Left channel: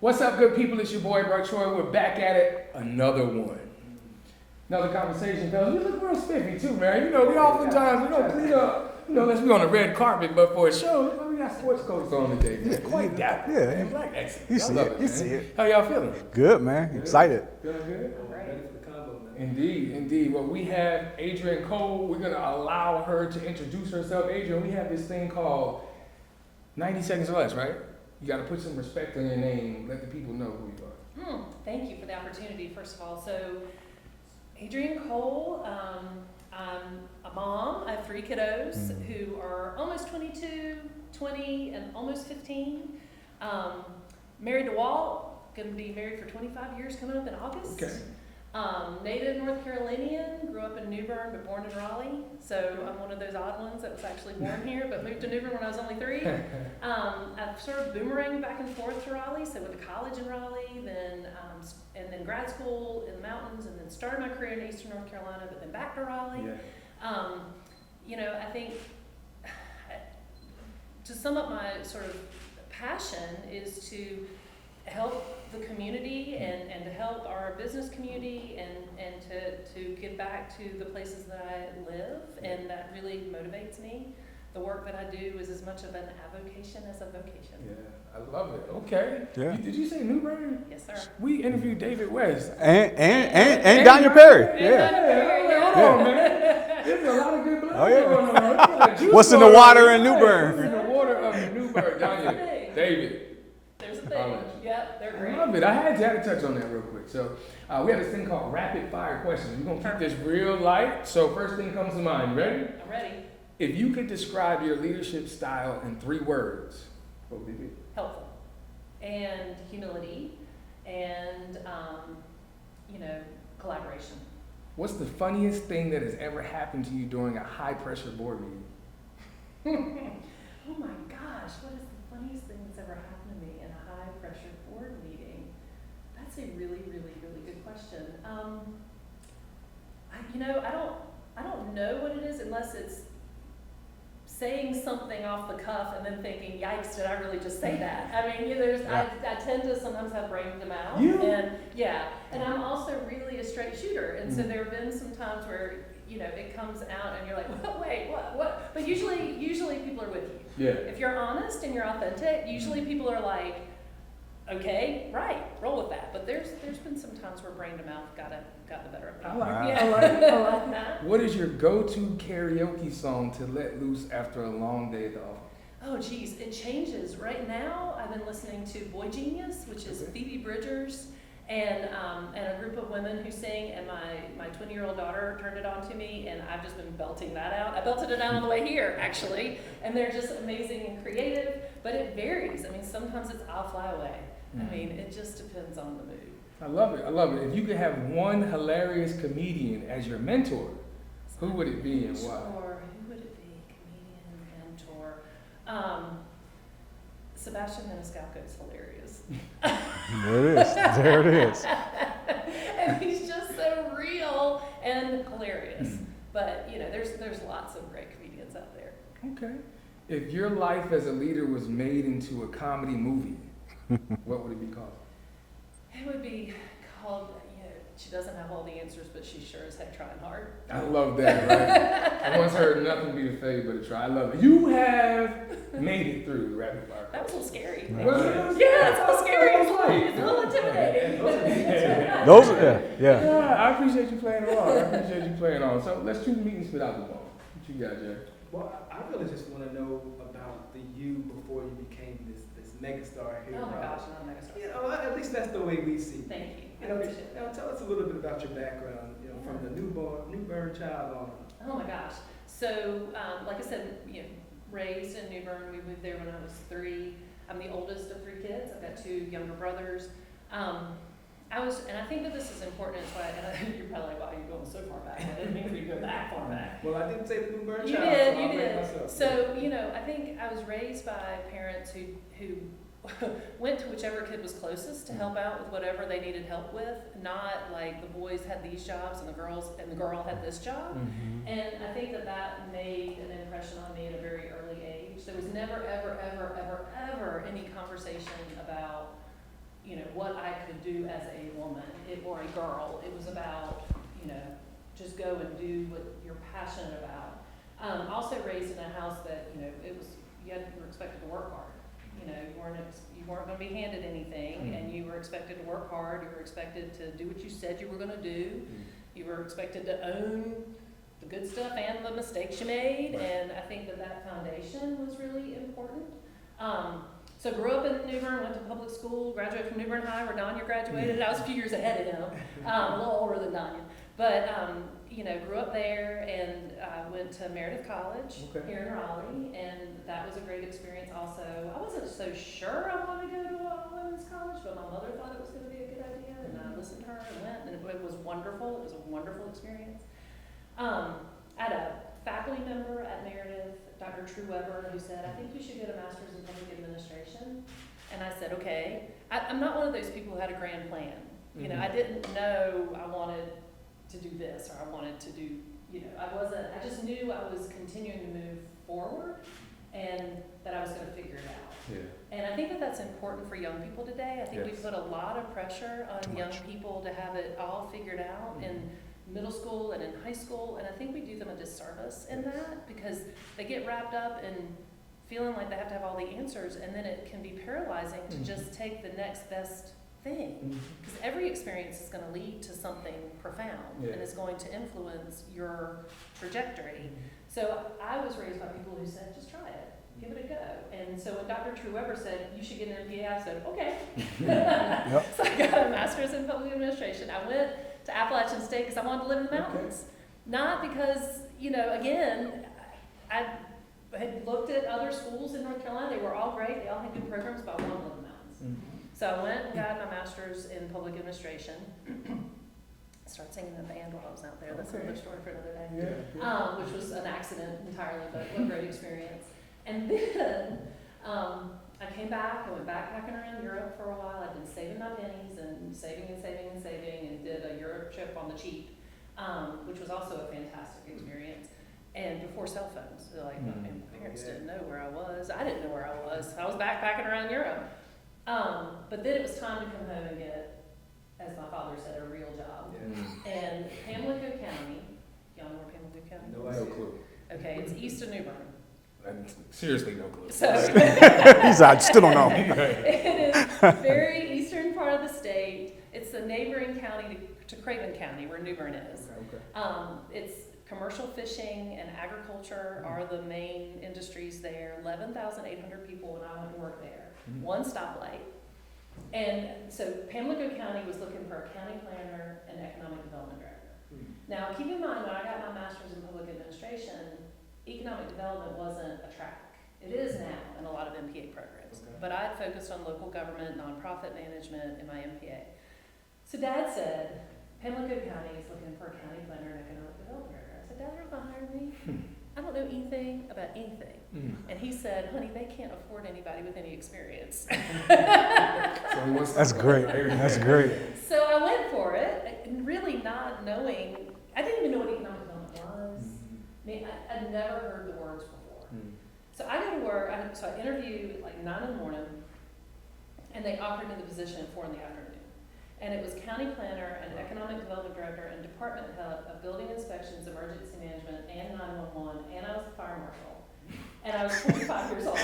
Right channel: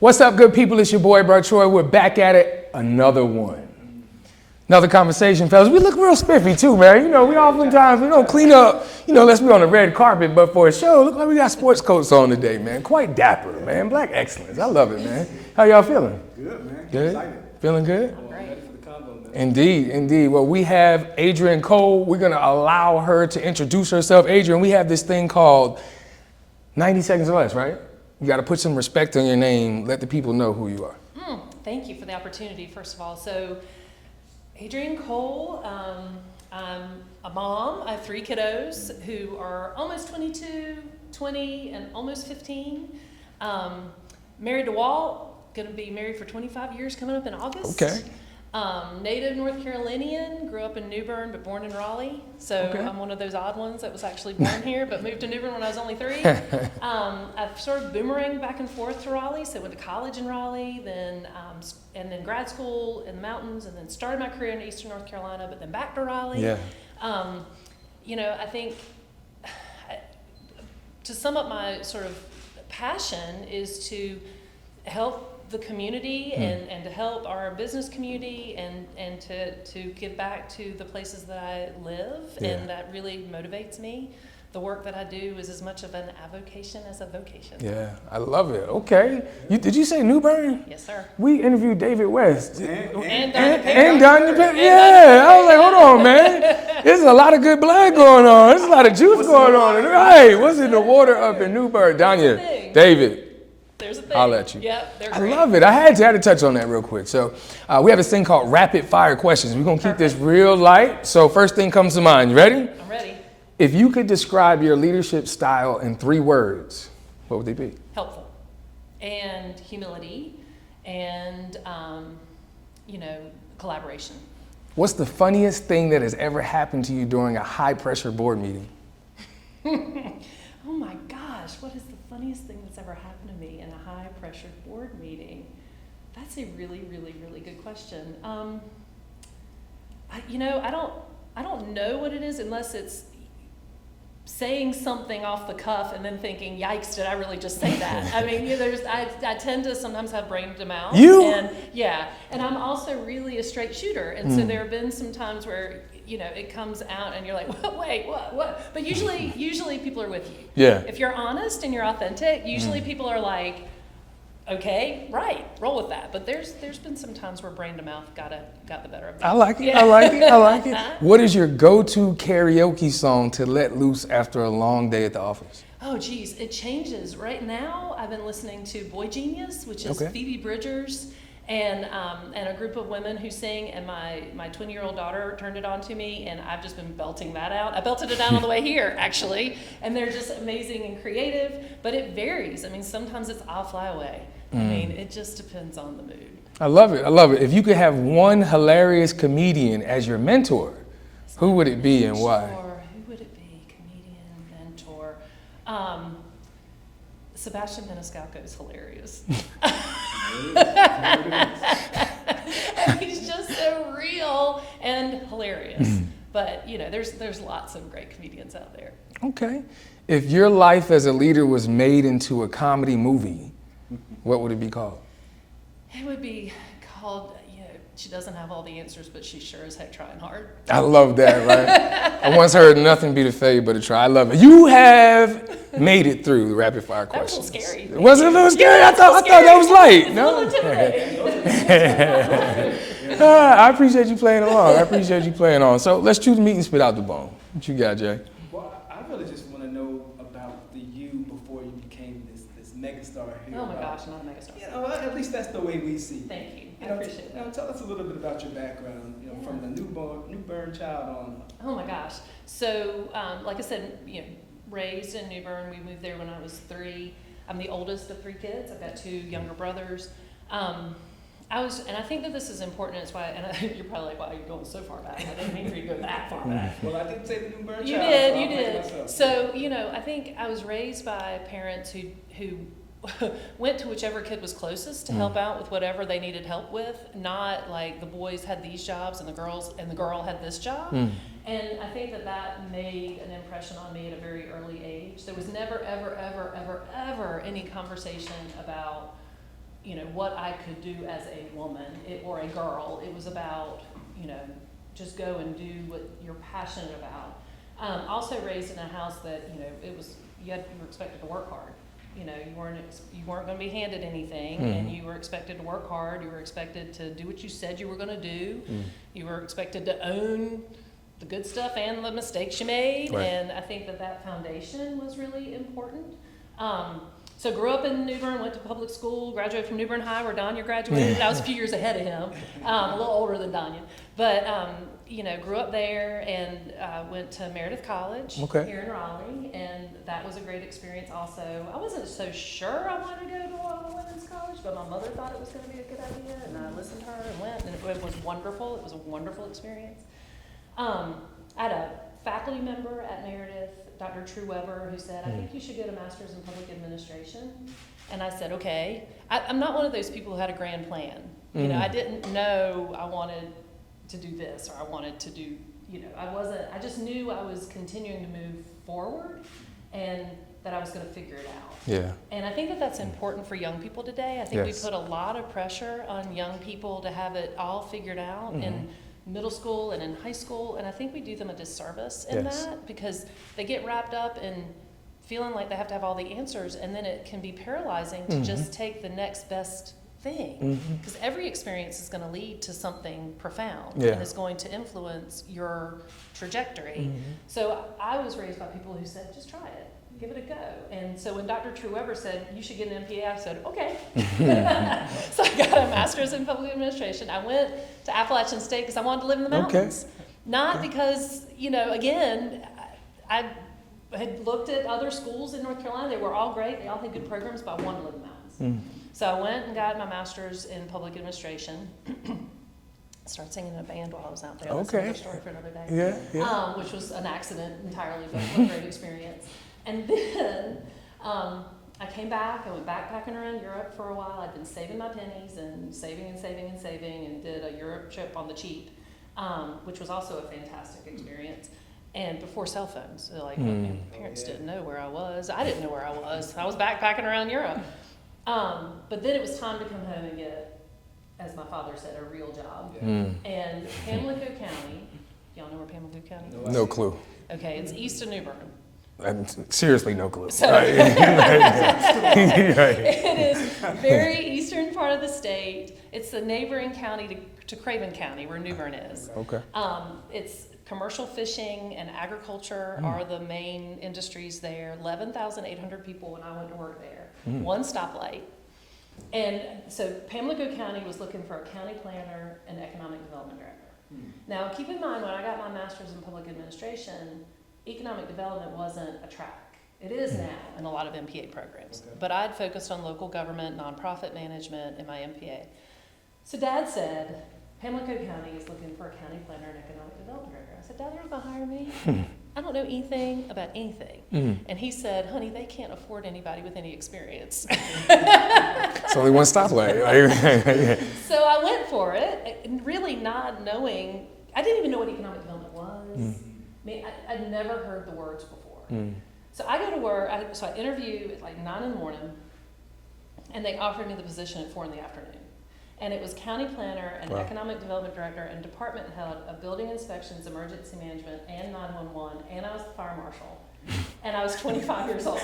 What's up, good people? It's your boy, Bro Troy. We're back at it. Another one. Another conversation, fellas. We look real spiffy too, man. You know, we oftentimes, we don't clean up, let's be on the red carpet, but for a show, look like we got sports coats on today, man. Quite dapper, man. Black excellence. I love it, man. How y'all feeling? Good, man. Good? Excited. Feeling good? Indeed. Well, we have Adrienne Cole. We're going to allow her to introduce herself. Adrienne, we have this thing called 90 seconds or less, right? You got to put some respect on your name. Let the people know who you are. Thank you for the opportunity, first of all. So, Adrienne Cole, I'm a mom. I have 3 kiddos who are almost 22, 20, and almost 15. Married to Walt, going to be married for 25 years coming up in August. Okay. Native North Carolinian, grew up in New Bern but born in Raleigh. So Okay. I'm one of those odd ones that was actually born here but moved to New Bern when I was only 3. I've sort of boomeranged back and forth to Raleigh. So went to college in Raleigh, and then grad school in the mountains, and then started my career in Eastern North Carolina, but then back to Raleigh. Yeah. I think to sum up my sort of passion is to help the community and to help our business community and to give back to the places that I live, and that really motivates me. The work that I do is as much of an avocation as a vocation. Yeah, I love it. Okay. Yeah. Did you say New Bern? Yes, sir. We interviewed David West. And Donnie Perry. Yeah, I was like, hold on, man. There's a lot of good blood going on. There's a lot of juice What's in going the water on. in New Right. Bern? What's in the water up in New Bern? Danya, David. There's a thing. I'll let you. Yep, they're I great. love it. I had to touch on that real quick. So we have this thing called rapid fire questions. We're going to keep this real light. So first thing comes to mind. You ready? I'm ready. If you could describe your leadership style in 3 words, what would they be? Helpful. And humility. And, collaboration. What's the funniest thing that has ever happened to you during a high pressure board meeting? Oh my gosh, what is the funniest thing that's ever happened to me in a high pressure board meeting? That's a really, really, really good question. I don't know what it is unless it's saying something off the cuff and then thinking, yikes, did I really just say that? I mean, I tend to sometimes have brain to mouth. And I'm also really a straight shooter. And so there have been some times where, it comes out and you're like, wait, what? But usually people are with you. Yeah. If you're honest and you're authentic, usually people are like, okay, right, roll with that. But there's been some times where brain to mouth got the better of me. I like it. What is your go-to karaoke song to let loose after a long day at the office? Oh, geez, it changes. Right now, I've been listening to Boy Genius, which is Phoebe Bridgers, and a group of women who sing, and my 20-year-old daughter turned it on to me, and I've just been belting that out. I belted it out on the way here, actually, and they're just amazing and creative, but it varies. I mean, sometimes it's I'll Fly Away. I mean, it just depends on the mood. I love it. If you could have one hilarious comedian as your mentor, who would it be and why? Sure. Who would it be? Comedian, mentor. Sebastian Maniscalco is hilarious. There it is. And he's just so real and hilarious. But there's lots of great comedians out there. Okay. If your life as a leader was made into a comedy movie, what would it be called? It would be called, she doesn't have all the answers, but she's sure as heck trying hard. I love that, right? I once heard nothing beat a fade but a try. I love it. You have made it through the rapid fire questions. That was a little scary. Was it a little scary? I thought that was light. No? I appreciate you playing along. So let's choose meat and spit out the bone. What you got, Jay? Well, I really just want to know about the you before you became this megastar here. Oh my gosh, not a megastar. At least that's the way we see. Thank you. I appreciate it. Tell us a little bit about your background, from the New Bern child on. Oh my gosh. So, like I said, raised in New Bern. We moved there when I was 3. I'm the oldest of 3 kids. I've got 2 younger brothers. And I think that this is important. It's why, and you're probably like, wow, you're going so far back. I didn't mean for you to go that far back. Well, I didn't say the New Bern You child, did, so you I'll did. blame myself. So, I think I was raised by parents who went to whichever kid was closest to help out with whatever they needed help with, not like the boys had these jobs and the girl had this job. And I think that made an impression on me at a very early age. There was never, ever, ever, ever, ever any conversation about, what I could do as a woman or a girl. It was about, just go and do what you're passionate about. Also raised in a house that, you were expected to work hard. You weren't going to be handed anything, and you were expected to work hard. You were expected to do what you said you were going to do. You were expected to own the good stuff and the mistakes you made, Right. and I think that foundation was really important. So grew up in New Bern, went to public school, graduated from New Bern High, where Danya graduated. I was a few years ahead of him, a little older than Danya. But, grew up there and went to Meredith College here in Raleigh, and that was a great experience also. I wasn't so sure I wanted to go to a women's college, but my mother thought it was going to be a good idea, and I listened to her and went, and it was wonderful. It was a wonderful experience. I had a faculty member at Meredith, Dr. True Weber, who said, I think you should get a master's in public administration. And I said, okay. I'm not one of those people who had a grand plan. I didn't know I wanted to do this or I wanted to do, I just knew I was continuing to move forward and that I was going to figure it out. Yeah. And I think that's important for young people today. I think we put a lot of pressure on young people to have it all figured out in middle school and in high school, and I think we do them a disservice in that because they get wrapped up in feeling like they have to have all the answers, and then it can be paralyzing to just take the next best thing, because every experience is going to lead to something profound and is going to influence your trajectory. So I was raised by people who said, just try it, give it a go. And so when Dr. True Weber said, you should get an MPA, I said, okay. So I got a master's in public administration. I went to Appalachian State because I wanted to live in the mountains. Not because, again, I had looked at other schools in North Carolina. They were all great. They all had good programs, but I wanted to live in the mountains. So I went and got my master's in public administration. Started singing in a band while I was out there. That's another story for another day. Which was an accident entirely, but it was a great experience. And then I came back. I went backpacking around Europe for a while. I'd been saving my pennies and saving and did a Europe trip on the cheap, which was also a fantastic experience. And before cell phones, so my parents didn't know where I was. I didn't know where I was. I was backpacking around Europe. But then it was time to come home and get, as my father said, a real job. And Pamlico County, y'all know where Pamlico County is? No clue. Okay, it's east of New Bern. Seriously, no clue. So I still don't know. it is very eastern part of the state. It's the neighboring county to Craven County, where New Bern is. It's commercial fishing and agriculture are the main industries there. 11,800 people when I went to work there. One stoplight. And so Pamlico County was looking for a county planner and economic development director. Now, keep in mind, when I got my master's in public administration, economic development wasn't a track. It is now in a lot of MPA programs. But I'd focused on local government, nonprofit management in my MPA. So Dad said, Pamlico County is looking for a county planner and economic development director. I said, Dad, you're not going to hire me? I don't know anything about anything. And he said, honey, they can't afford anybody with any experience. It's only one stoplight. So I went for it, really not knowing, I didn't even know what economic development was. I mean, I'd never heard the words before. So I go to work, so I interview at like 9 in the morning, and they offered me the position at 4 in the afternoon. And it was county planner and economic development director and department head of building inspections, emergency management, and 911, and I was the fire marshal. And I was 25 years old.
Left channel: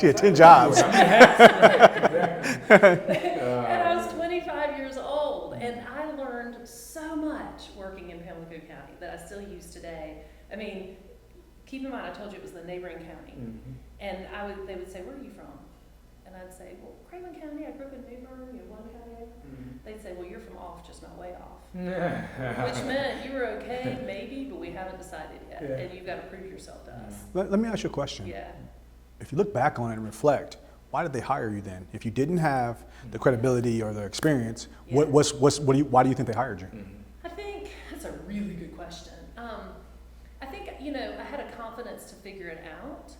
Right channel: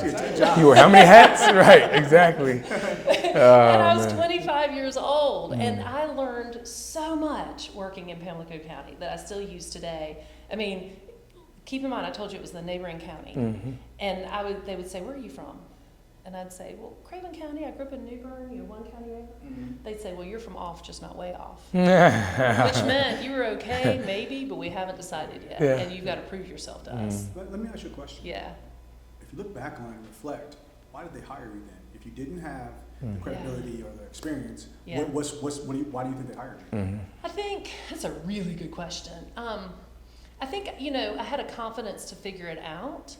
She had 10 jobs. You were how many hats? Right, exactly. And I was 25 years old, and I learned so much working in Pamlico County that I still use today. I mean, keep in mind, I told you it was the neighboring county. And they would say, where are you from? And I'd say, well, Craven County, I grew up in New Bern, you're one county away. They'd say, well, you're from off, just not way off. Which meant you were okay, maybe, but we haven't decided yet. And you've got to prove yourself to us. Let me ask you a question. Yeah. If you look back on it and reflect, why did they hire you then? If you didn't have the credibility or the experience, Yeah. why do you think they hired you? I think that's a really good question. I think, I had a confidence to figure it out,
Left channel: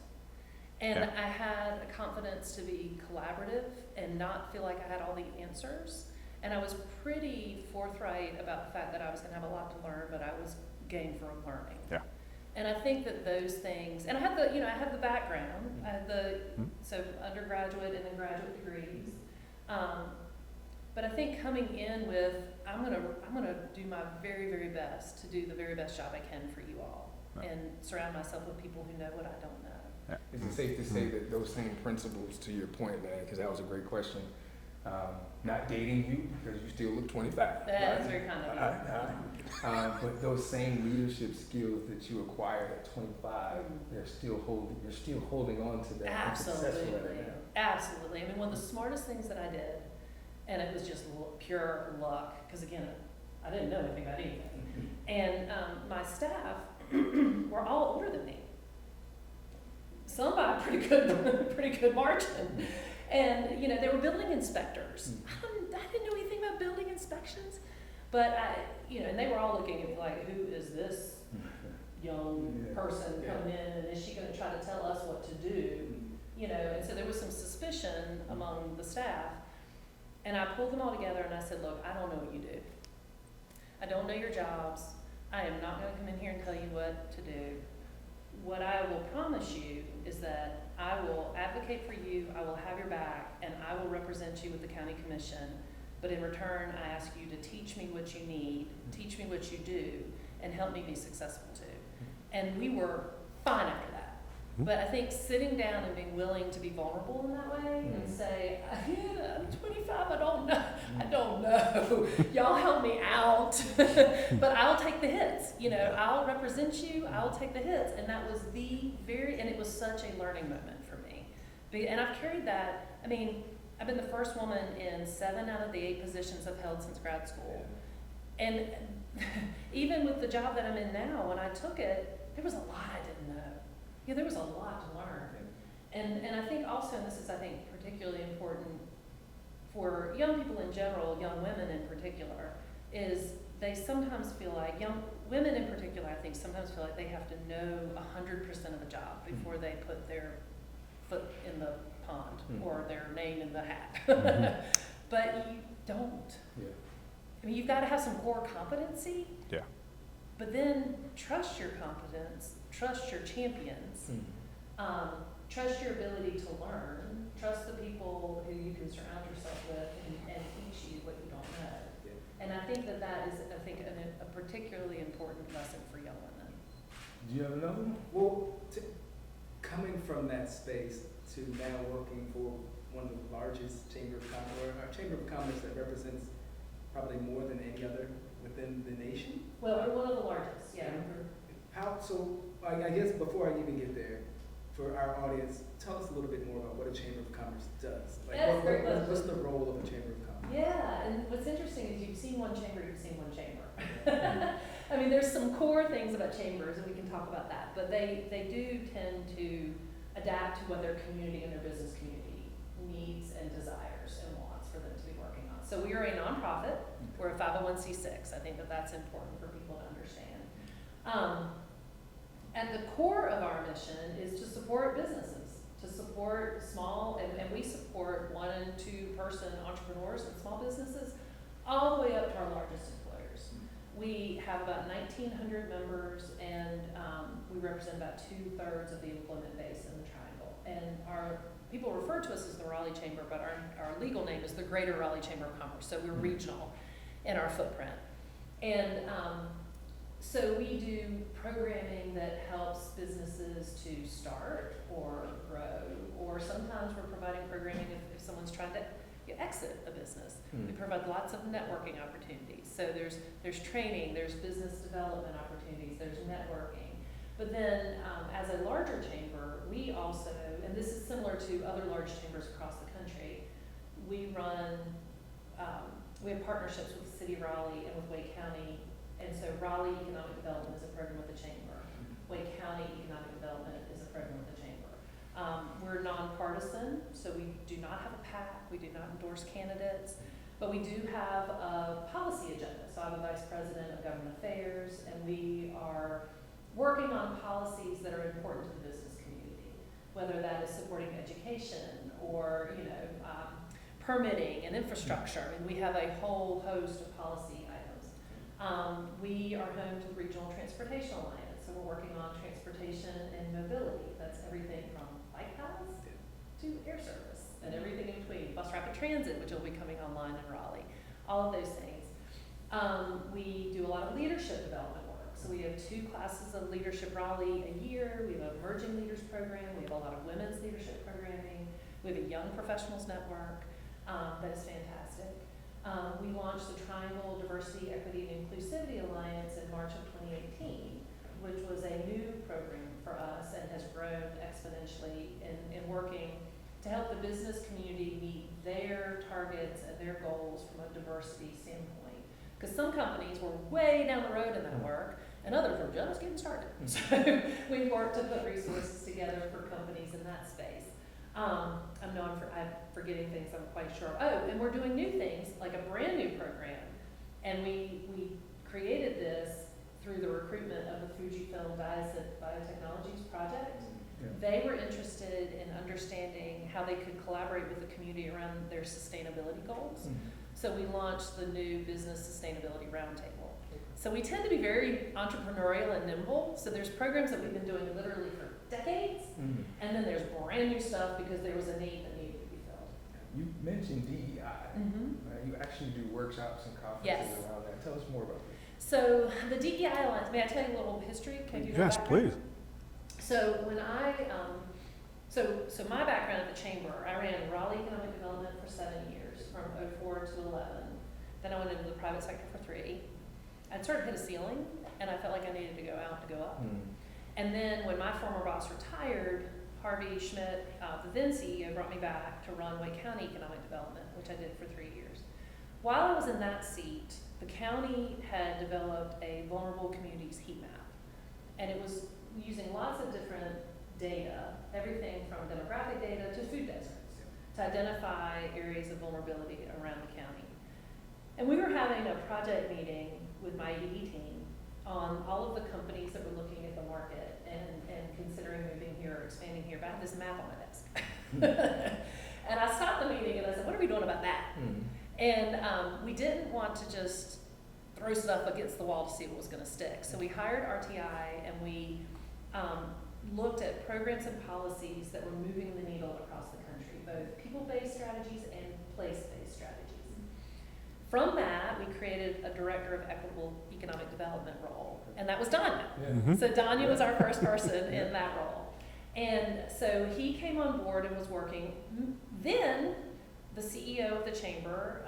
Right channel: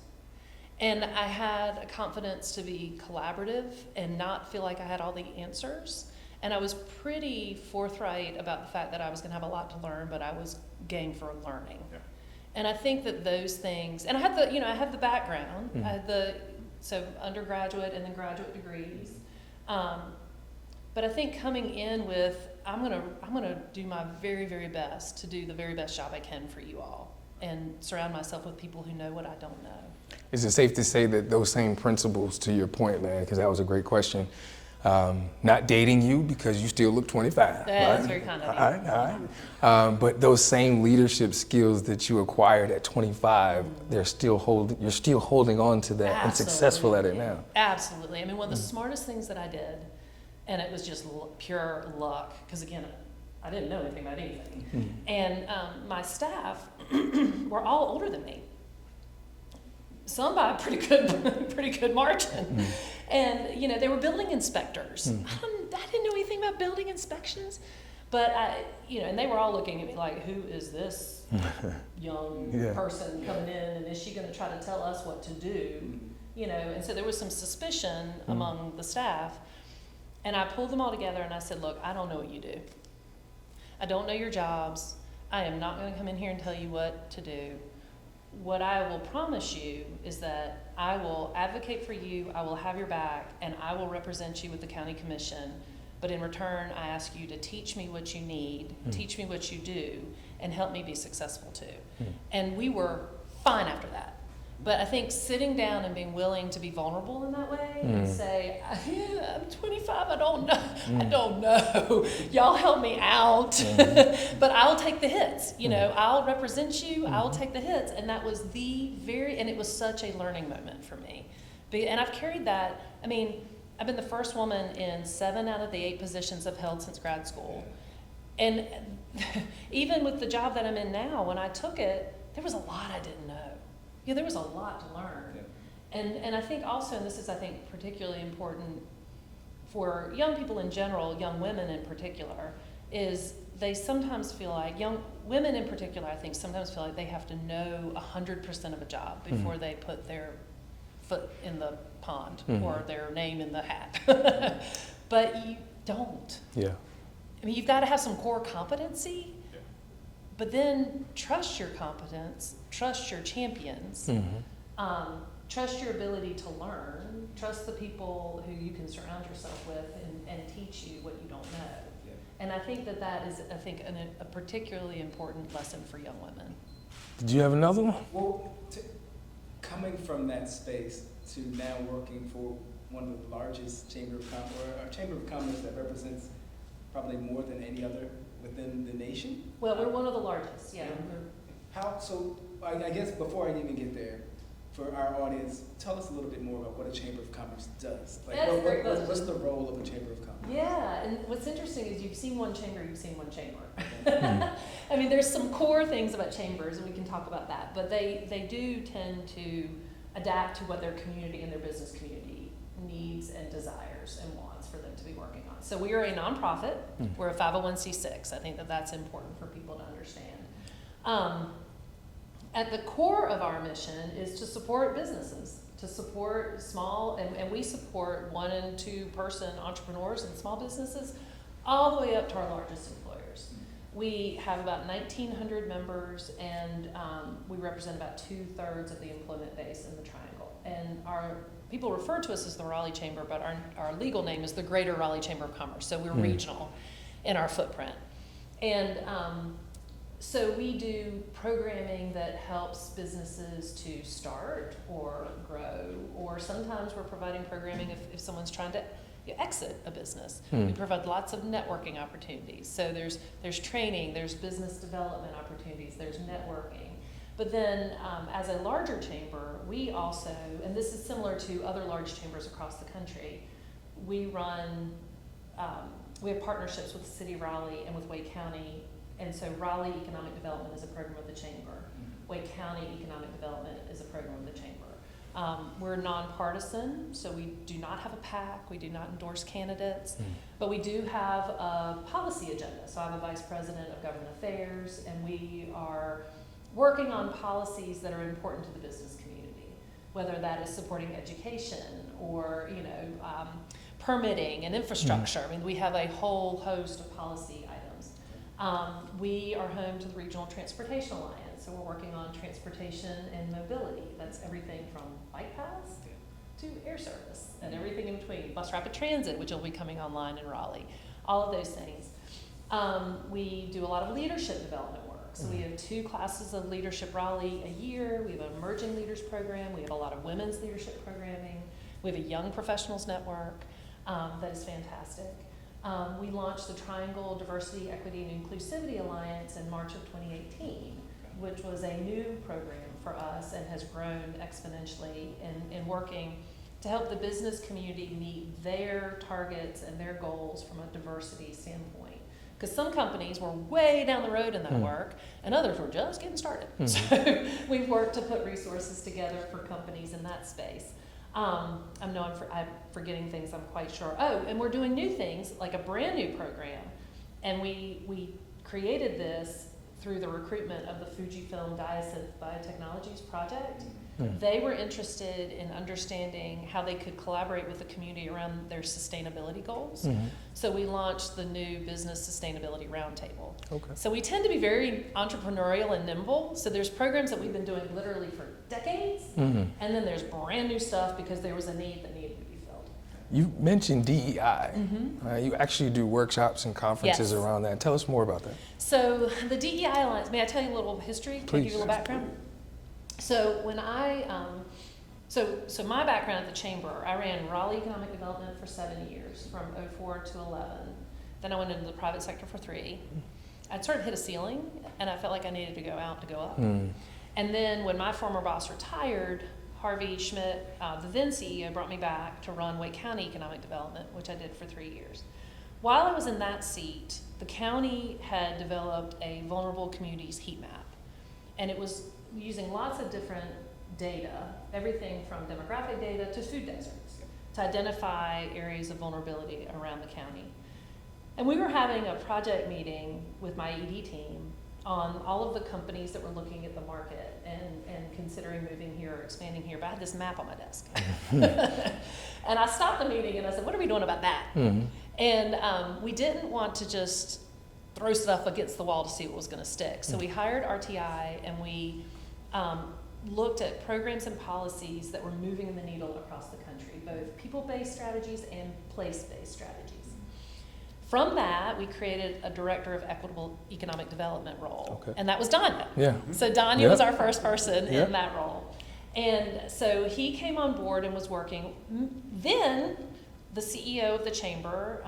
and I had a confidence to be collaborative and not feel like I had all the answers. And I was pretty forthright about the fact that I was going to have a lot to learn, but I was game for learning. Yeah. And I think that those things, and I had the background, I had so undergraduate and then graduate degrees. But I think coming in with, I'm gonna do my very, very best to do the very best job I can for you all, and surround myself with people who know what I don't know. Is it safe to say that those same principles, to your point, man, because that was a great question, not dating you because you still look 25. That's right? very kind of you. All right. But those same leadership skills that you acquired at 25, you're still holding on to that and successful at it now. Absolutely. I mean, one of the smartest things that I did, and it was just pure luck, because again, I didn't know anything about anything. And my staff were all older than me. Some by a pretty good margin. And, they were building inspectors. I didn't know anything about building inspections, but and they were all looking at me like, who is this young person coming in, and is she gonna try to tell us what to do? And so there was some suspicion among the staff. And I pulled them all together and I said, look, I don't know what you do. I don't know your jobs. I am not gonna come in here and tell you what to do. What I will promise you is that I will advocate for you, I will have your back, and I will represent you with the county commission. But in return, I ask you to teach me what you need, teach me what you do, and help me be successful too. And we were fine after that. But I think sitting down and being willing to be vulnerable in that way and say, I'm 25, I don't know. Y'all help me out. But I'll take the hits. I'll represent you, I'll take the hits. And that was and it was such a learning moment for me. And I've carried that. I mean, I've been the first woman in 7 out of the 8 positions I've held since grad school. And even with the job that I'm in now, when I took it, there was a lot I didn't know. There was a lot to learn. And I think also, and this is, I think, particularly important for young people in general, young women in particular, is they sometimes feel like, young women in particular, I think, sometimes feel like they have to know 100% of a job before they put their foot in the pond or their name in the hat. But you don't. Yeah. I mean, you've got to have some core competency. Yeah. But then trust your competence, trust your champions, trust your ability to learn, trust the people who you can surround yourself with and teach you what you don't know. Yeah. And I think that is, a particularly important lesson for young women. Did you have another one? Well, coming from that space to now working for one of the largest chamber of commerce that represents probably more than any other within the nation. Well, we're one of the largest, yeah. I guess before I even get there, for our audience, tell us a little bit more about what a chamber of commerce does. Like, That's a great question. what's the role of a chamber of commerce? Yeah, and what's interesting is you've seen one chamber, you've seen one chamber. I mean, there's some core things about chambers, and we can talk about that, but they do tend to adapt to what their community and their business community needs and desires and wants for them to be working on. So we are a nonprofit. We're a 501c6. I think that's important for people to understand. At the core of our mission is to support businesses, to support small, and we support 1 and 2 person entrepreneurs and small businesses, all the way up to our largest employers. We have about 1,900 members, and we represent about 2/3 of the employment base in the Triangle. And our people refer to us as the Raleigh Chamber, but our legal name is the Greater Raleigh Chamber of Commerce, so we're regional in our footprint. And so we do programming that helps businesses to start or grow, or sometimes we're providing programming if someone's trying to exit a business. We provide lots of networking opportunities. So there's training, there's business development opportunities, there's networking. But then as a larger chamber, we also, and this is similar to other large chambers across the country, we have partnerships with the City of Raleigh and with Wake County. And so Raleigh Economic Development is a program of the chamber. Wake County Economic Development is a program of the chamber. We're nonpartisan, so we do not have a PAC, we do not endorse candidates, but we do have a policy agenda. So I'm a vice president of government affairs, and we are working on policies that are important to the business community, whether that is supporting education or, permitting and infrastructure. I mean, we have a whole host of policy items. We are home to the Regional Transportation Alliance, so we're working on transportation and mobility. That's everything from bike paths to air service and everything in between. Bus rapid transit, which will be coming online in Raleigh. All of those things. We do a lot of leadership development work. So we have 2 classes of Leadership Raleigh a year. We have an Emerging Leaders program. We have a lot of women's leadership programming. We have a Young Professionals Network that is fantastic. We launched the Triangle Diversity, Equity, and Inclusivity Alliance in March of 2018, which was a new program for us and has grown exponentially in working to help the business community meet their targets and their goals from a diversity standpoint. Because some companies were way down the road in that work, and others were just getting started. So we've worked to put resources together for companies in that space. I'm forgetting things, I'm quite sure. Oh, and we're doing new things, like a brand new program. And we created this through the recruitment of the Fujifilm Biotechnologies project. They were interested in understanding how they could collaborate with the community around their sustainability goals. So we launched the new Business Sustainability Roundtable. Okay. So we tend to be very entrepreneurial and nimble. So there's programs that we've been doing literally for decades, and then there's brand new stuff because there was a need that needed to be filled. You mentioned DEI. You actually do workshops and conferences Yes. around that. Tell us more about that. So the DEI Alliance, may I tell you a little history? Please. Give you a Yes, background? please. So when so my background at the Chamber, I ran Raleigh Economic Development for 7 years, from 04 to 11. Then I went into the private sector for 3. I'd sort of hit a ceiling, and I felt like I needed to go out to go up. And then when my former boss retired, Harvey Schmidt, the then CEO, brought me back to run Wake County Economic Development, which I did for 3 years. While I was in that seat, the county had developed a vulnerable communities heat map. And it was using lots of different data, everything from demographic data to food deserts, to identify areas of vulnerability around the county. And we were having a project meeting with my ED team on all of the companies that were looking at the market and considering moving here or expanding here, but I had this map on my desk. And I stopped the meeting and I said, what are we doing about that? And we didn't want to just throw stuff against the wall to see what was going to stick. So we hired RTI and we looked at programs and policies that were moving the needle across the country, both people-based strategies and place-based strategies. From that, we created a director of equitable economic development role, and that was Danya. So Danya was our first person in that role. And so he came on board and was working. Then the CEO of the chamber,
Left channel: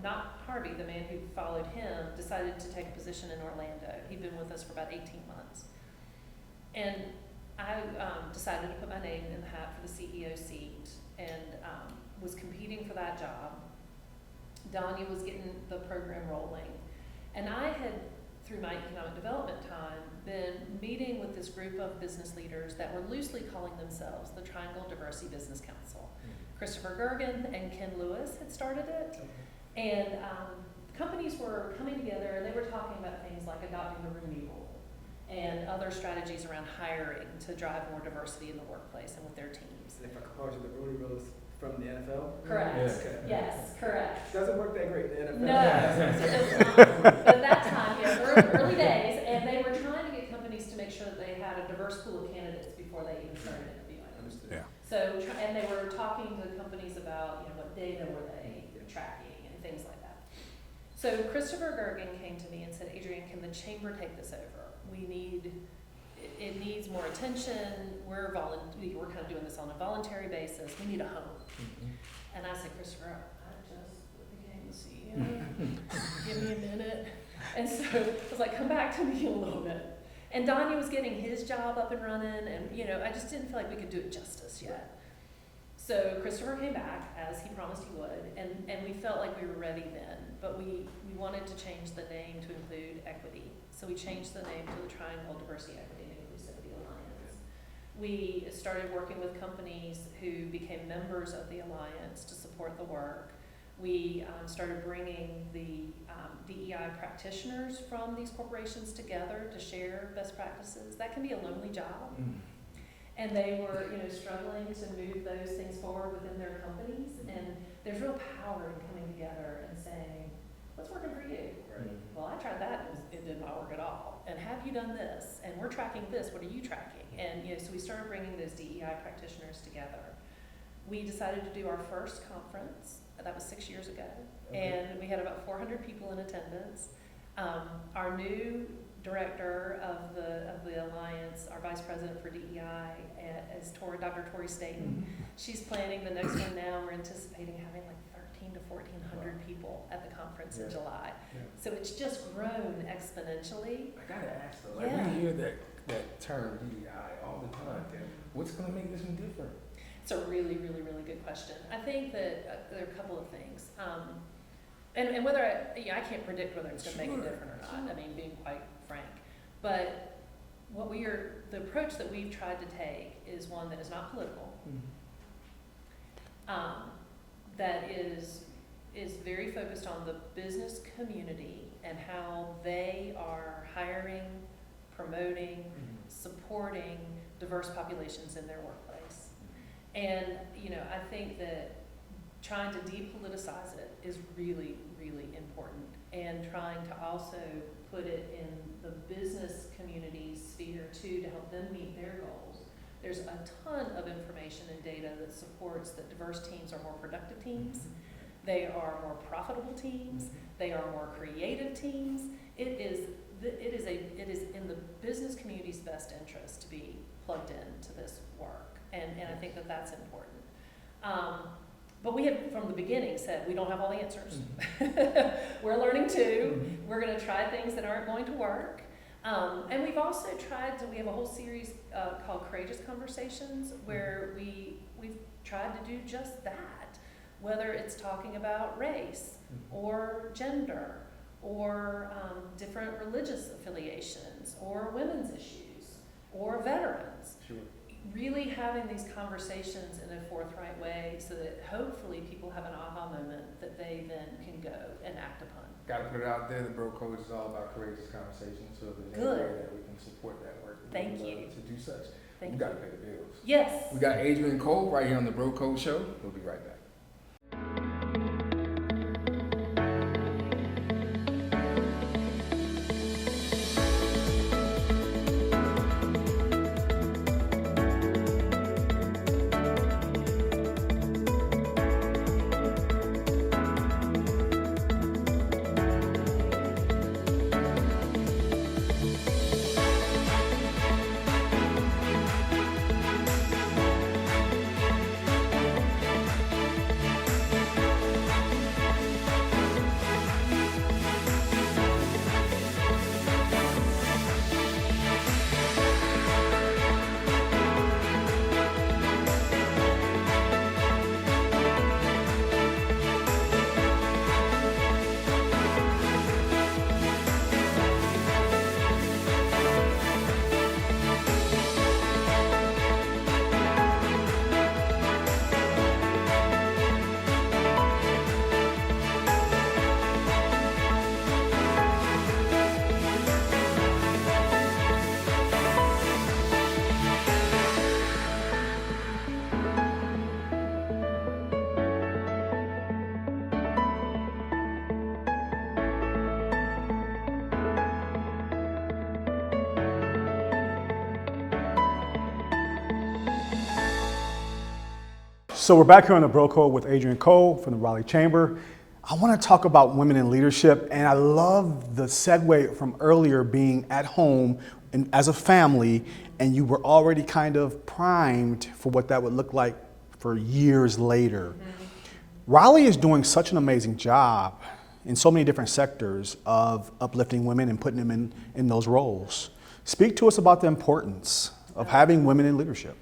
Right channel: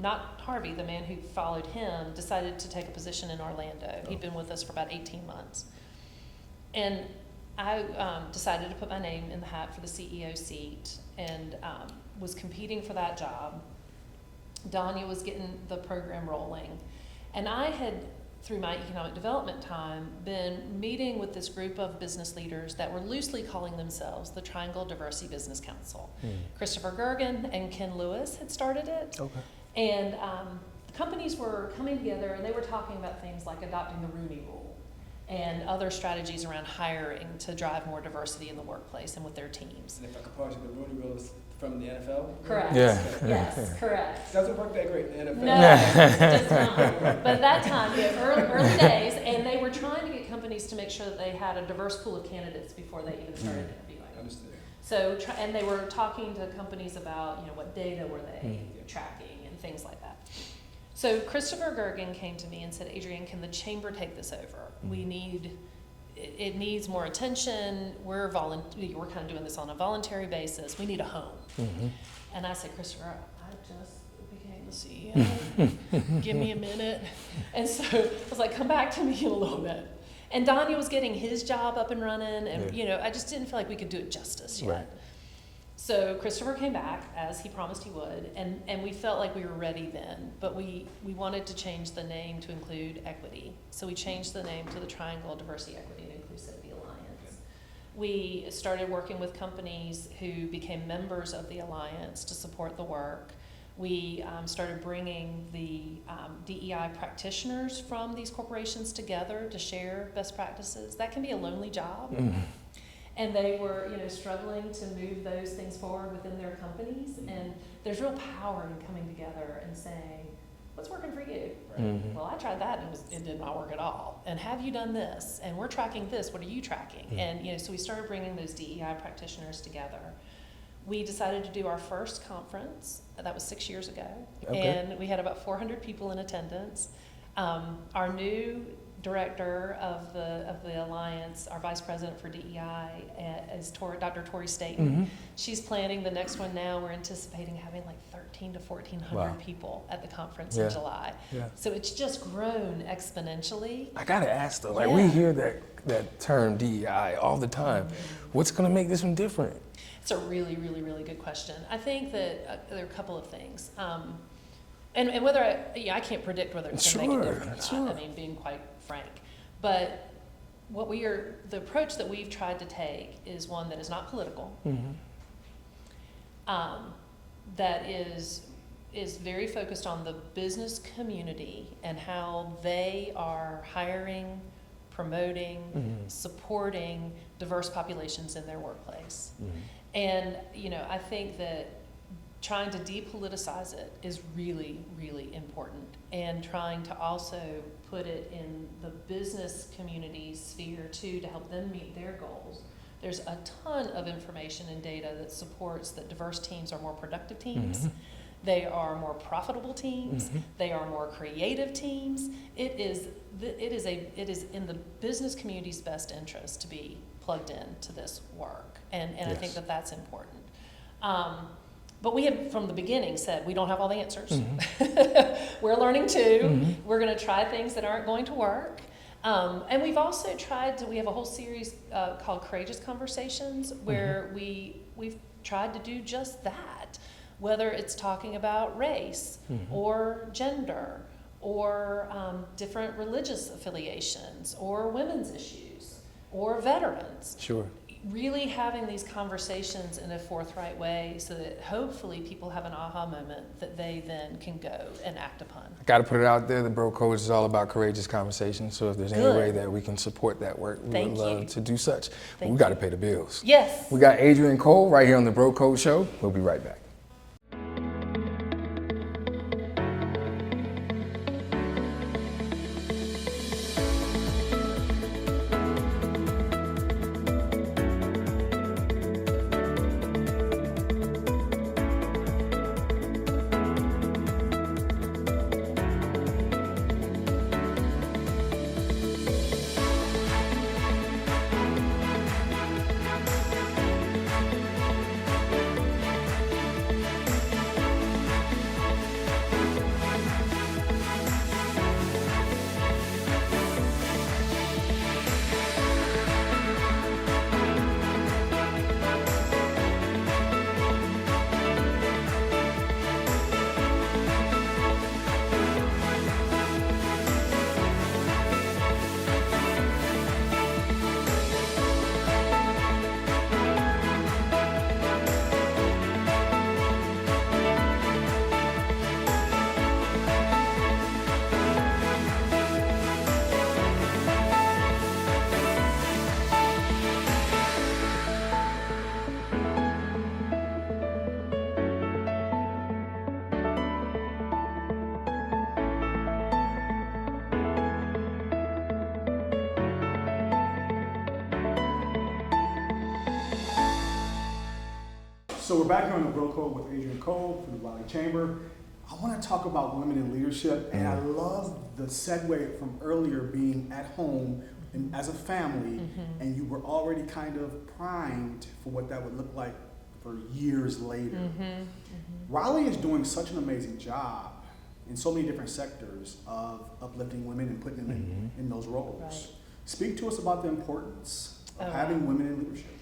not Harvey, the man who followed him, decided to take a position in Orlando. He'd been with us for about 18 months. And I decided to put my name in the hat for the CEO seat and was competing for that job. Danya was getting the program rolling. And I had, through my economic development time, been meeting with this group of business leaders that were loosely calling themselves the Triangle Diversity Business Council. Christopher Gergen and Ken Lewis had started it. And the companies were coming together and they were talking about things like adopting the Rooney Rule and other strategies around hiring to drive more diversity in the workplace and with their teams. And if I could pause you, the Rooney Rule is from the NFL? Correct. Yes, correct. Doesn't work that great in the NFL. No, it does not. But at that time, early days, and they were trying to get companies to make sure that they had a diverse pool of candidates before they even started interviewing. Understood. So, and they were talking to companies about, what data were they tracking and things like that. So Christopher Gergen came to me and said, Adrienne, can the chamber take this over? It needs more attention. We're kind of doing this on a voluntary basis. We need a home. And I said, Christopher, I just became the CEO. Give me a minute. And so I was like, come back to me in a little bit. And Donnie was getting his job up and running, and I just didn't feel like we could do it justice yet. Right. So Christopher came back, as he promised he would, and we felt like we were ready then, but we wanted to change the name to include equity. So we changed the name to the Triangle Diversity, Equity, and Inclusivity Alliance, we started working with companies who became members of the Alliance to support the work. We started bringing the DEI practitioners from these corporations together to share best practices. That can be a lonely job. And they were, struggling to move those things forward within their companies. And there's real power in coming together and saying, what's working for you? Well, I tried that and it did not work at all. And have you done this? And we're tracking this. What are you tracking? And so we started bringing those DEI practitioners together. We decided to do our first conference. That was 6 years ago. Okay. And we had about 400 people in attendance. Our new director of the Alliance, our vice president for DEI, is Dr. Tori Staten. She's planning the next one now. We're anticipating having like 1,300 to 1,400 people at the conference in July. So it's just grown exponentially. I gotta ask though, we hear that term DEI all the time. What's gonna make this one different? It's a really, really, really good question. I think that there are a couple of things. And whether I can't predict whether it's going to make a difference or not, I mean, being quite frank. But the approach that we've tried to take is one that is not political, that is very focused on the business community and how they are hiring, promoting, supporting diverse populations in their workplace. And, I think that trying to depoliticize it is really, really important, and trying to also put it in the business community sphere too, to help them meet their goals. There's a ton of information and data that supports that diverse teams are more productive teams. They are more profitable teams. They are more creative teams. It is in the business community's best interest to be plugged into this work. And I think that that's important. But we have, from the beginning, said we don't have all the answers. We're learning too. We're going to try things that aren't going to work. And we've also we have a whole series called Courageous Conversations, where we've tried to do just that, whether it's talking about race or gender or different religious affiliations or women's issues or veterans. Sure. Really having these conversations in a forthright way so that hopefully people have an aha moment that they then can go and act upon. Got to put it out there. The Bro Code is all about courageous conversations. So if there's any way that we can support that work, we would love to do such. But we got to pay the bills. Yes. We got Adrienne Cole right here on the Bro Code Show. We'll be right back. So we're back here on the Bro Code with Adrienne Cole from the Raleigh Chamber. I want to talk about women in leadership, and I love the segue from earlier being at home and as a family, and you were already kind of primed for what that would look like for years later. Raleigh is doing such an amazing job in so many different sectors of uplifting women and putting them in those roles. Speak to us about the importance of having women in leadership.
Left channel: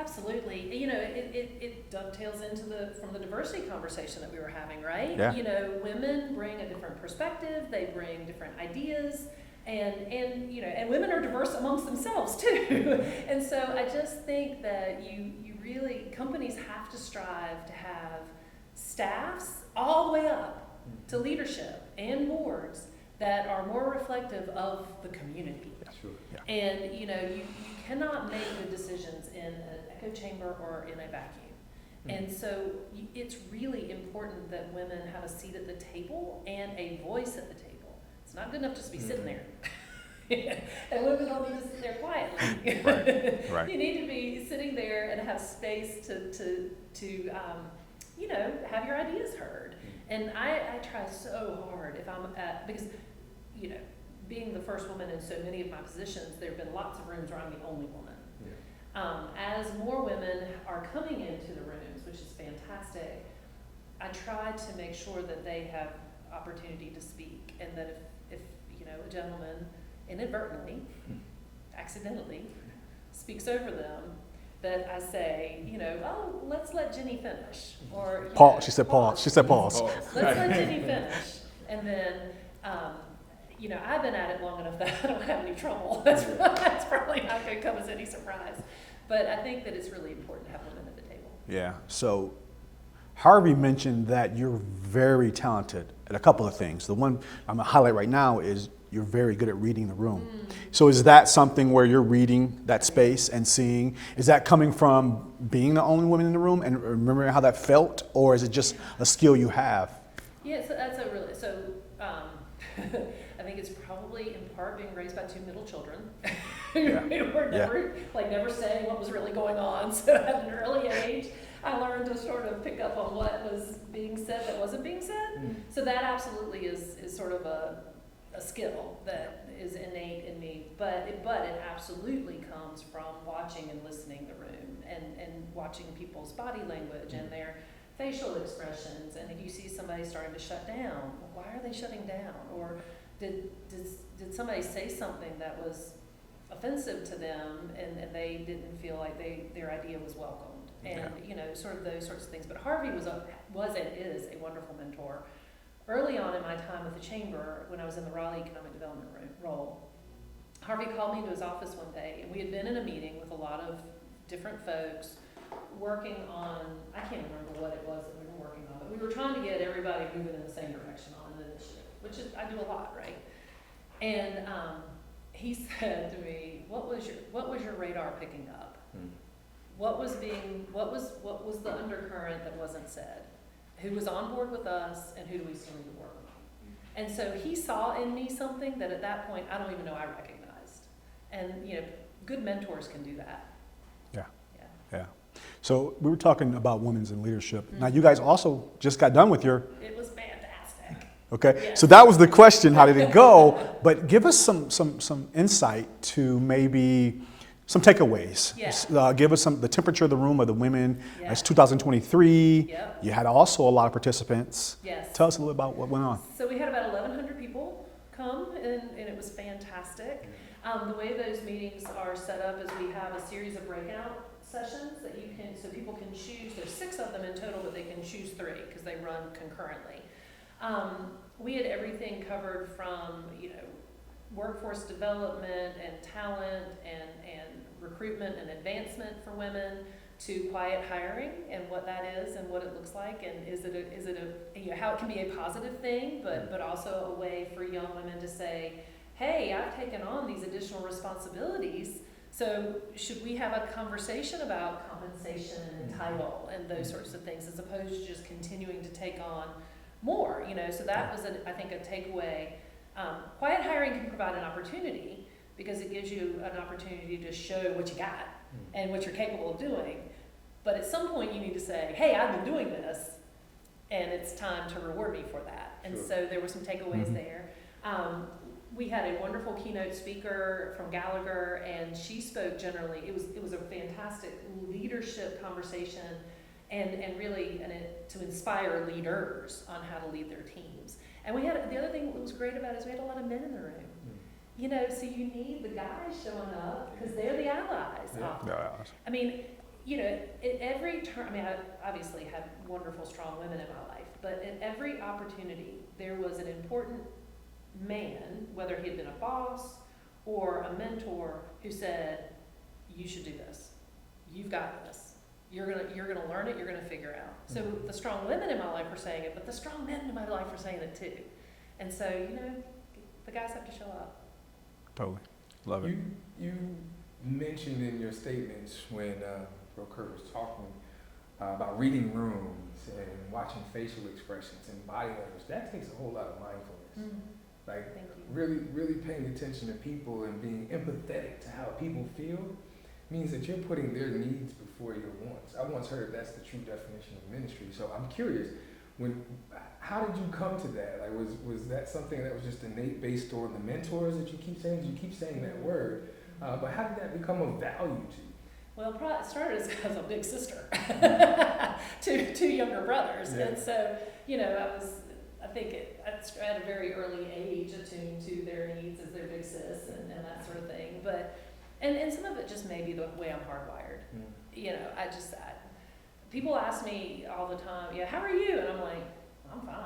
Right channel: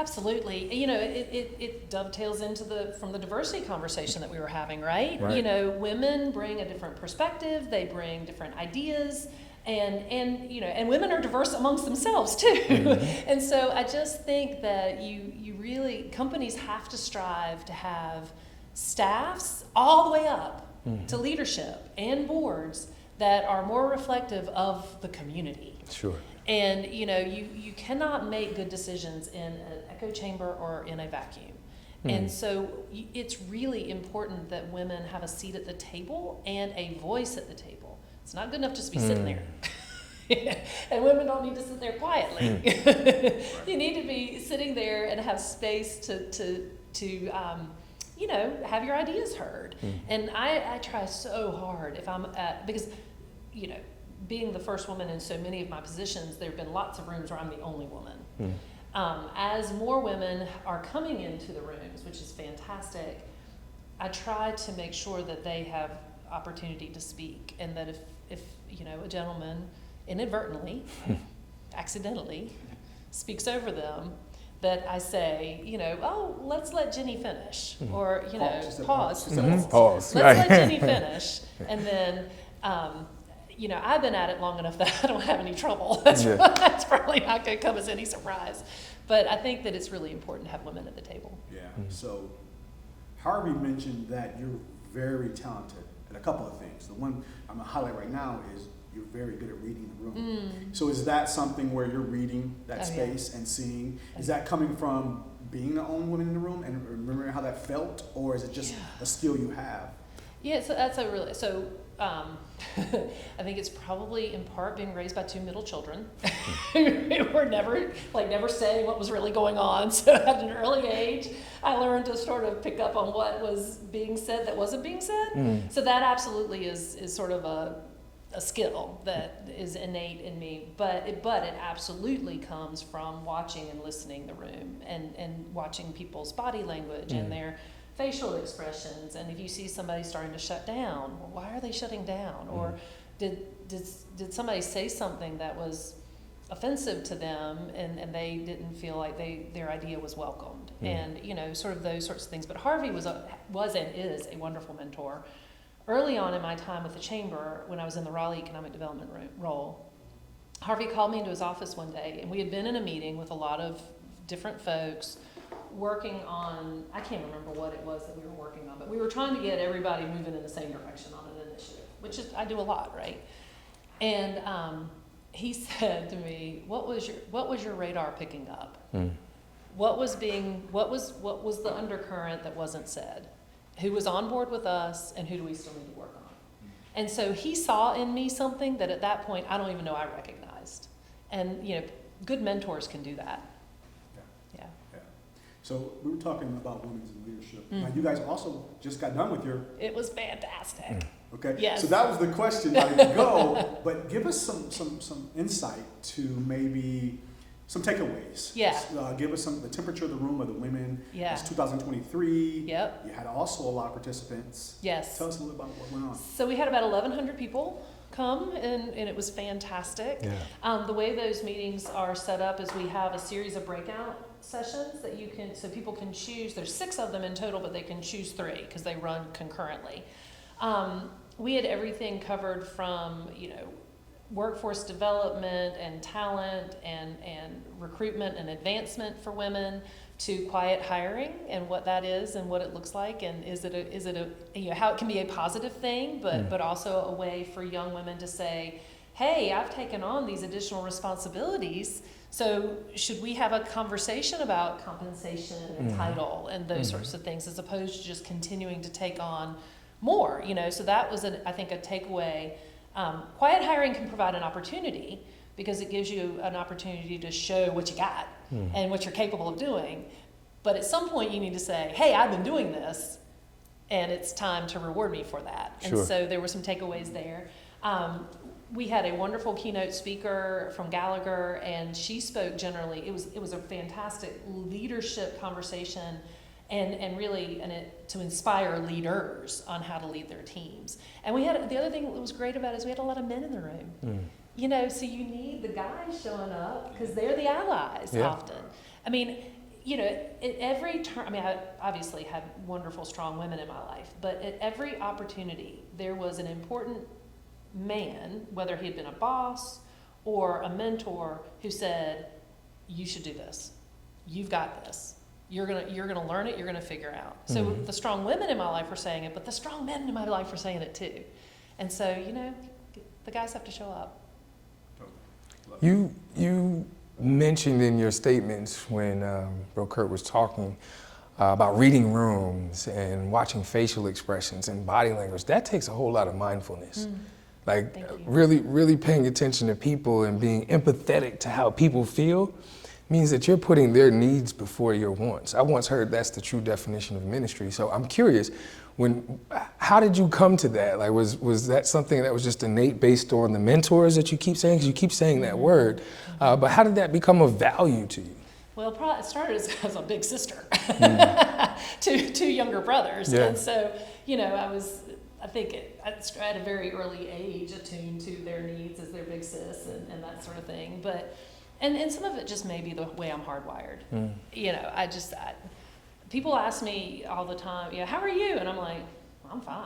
Absolutely. It dovetails into from the diversity conversation that we were having, right? Yeah. Women bring a different perspective, they bring different ideas, And you know, and women are diverse amongst themselves too. Mm-hmm. And so I just think that you really, companies have to strive to have staffs all the way up to leadership and boards that are more reflective of the community. Sure. Yeah. And you know, you cannot make good decisions in an echo chamber or in a vacuum. And so it's really important that women have a seat at the table and a voice at the table. It's not good enough just to be sitting there. And women don't need to sit there quietly. Right. You need to be sitting there and have space to you know, have your ideas heard. And I try so hard if I'm at, because, you know, being the first woman in so many of my positions, there have been lots of rooms where I'm the only woman. As more women are coming into the rooms, which is fantastic, I try to make sure that they have opportunity to speak, and that if you know, a gentleman inadvertently, accidentally speaks over them, that I say, you know, oh, let's let Jenny finish, or you Pause. know, She said pause. She said pause. Pause. Let's let Jenny finish, and then. You know, I've been at it long enough that I don't have any trouble. That's probably not going to come as any surprise. But I think that it's really important to have women at the table. Yeah. So Harvey mentioned that you're very talented at a couple of things. The one I'm going to highlight right now is you're very good at reading the room. So is that something where you're reading that space and seeing? Is that coming from being the only woman in the room and remembering how that felt? Or is it just a skill you have? Yeah, so that's a really, so I think it's probably in part being raised by two middle children who were never saying what was really going on. So at an early age, I learned to sort of pick up on what was being said that wasn't being said. So that absolutely is sort of a skill that is innate in me. But it absolutely comes from watching and listening the room and watching people's body language and their facial expressions. And if you see somebody starting to shut down, well, why are they shutting down? Or did somebody say something that was offensive to them and they didn't feel like their idea was welcomed? And you know, sort of those sorts of things. But Harvey was and is a wonderful mentor. Early on in my time with the chamber, when I was in the Raleigh Economic Development role, Harvey called me into his office one day, and we had been in a meeting with a lot of different folks working on, I can't remember what it was that we were working on, but we were trying to get everybody moving in the same direction on an initiative, which is, I do a lot, right? And he said to me, what was your radar picking up? What was the undercurrent that wasn't said? Who was on board with us, and who do we still need to work on? And so he saw in me something that at that point I don't even know I recognized. And you know, good mentors can do that. Yeah. So we were talking about women's in leadership. Now you guys also just got done with your. It was fantastic. Okay. Yes. So that was the question. How did it go? But give us some insight to maybe some takeaways. Yeah. Give us the temperature of the room of the women. Yeah. It's 2023. Yep. You had also a lot of participants. Yes. Tell us a little about what went on. So we had about 1,100 people come, and it was fantastic. Yeah. The way those meetings are set up is we have a series of breakout sessions that so people can choose. There's 6 of them in total, but they can choose 3 because they run concurrently. We had everything covered from, you know, workforce development and talent and recruitment and advancement for women, to quiet hiring and what that is and what it looks like, and is it a you know, how it can be a positive thing, but also a way for young women to say, hey, I've taken on these additional responsibilities, so should we have a conversation about compensation and title and those sorts of things, as opposed to just continuing to take on more, you know? So that was, I think, a takeaway. Quiet hiring can provide an opportunity because it gives you an opportunity to show what you got and what you're capable of doing. But at some point you need to say, hey, I've been doing this, and it's time to reward me for that. Sure. And so there were some takeaways there. We had a wonderful keynote speaker from Gallagher, and she spoke generally. It was a fantastic leadership conversation, and really to inspire leaders on how to lead their teams. And we had, the other thing that was great about it is we had a lot of men in the room. You know, so you need the guys showing up because they're the allies often. I mean, you know, at every turn, I mean, I obviously had wonderful, strong women in my life, but at every opportunity, there was an important man, whether he'd been a boss or a mentor, who said, you should do this. You've got this. You're gonna learn it, you're gonna figure out. So the strong women in my life were saying it, but the strong men in my life were saying it too. And so, the guys have to show up. Totally. Love it. You mentioned in your statements when Bro Kurt was talking about reading rooms and watching facial expressions and body language. That takes a whole lot of mindfulness. Like really paying attention to people and being empathetic to how people feel means that you're putting their needs before your wants. I once heard that's the true definition of ministry. So I'm curious, how did you come to that? Like, was that something that was just innate based on the mentors that you keep saying? Because you keep saying that word, but how did that become of value to you? Well, it started as a big sister, two younger brothers, and so I think at a very early age attuned to their needs as their big sis and that sort of thing. But and some of it just may be the way I'm hardwired. People ask me all the time, how are you? And I'm like, I'm fine.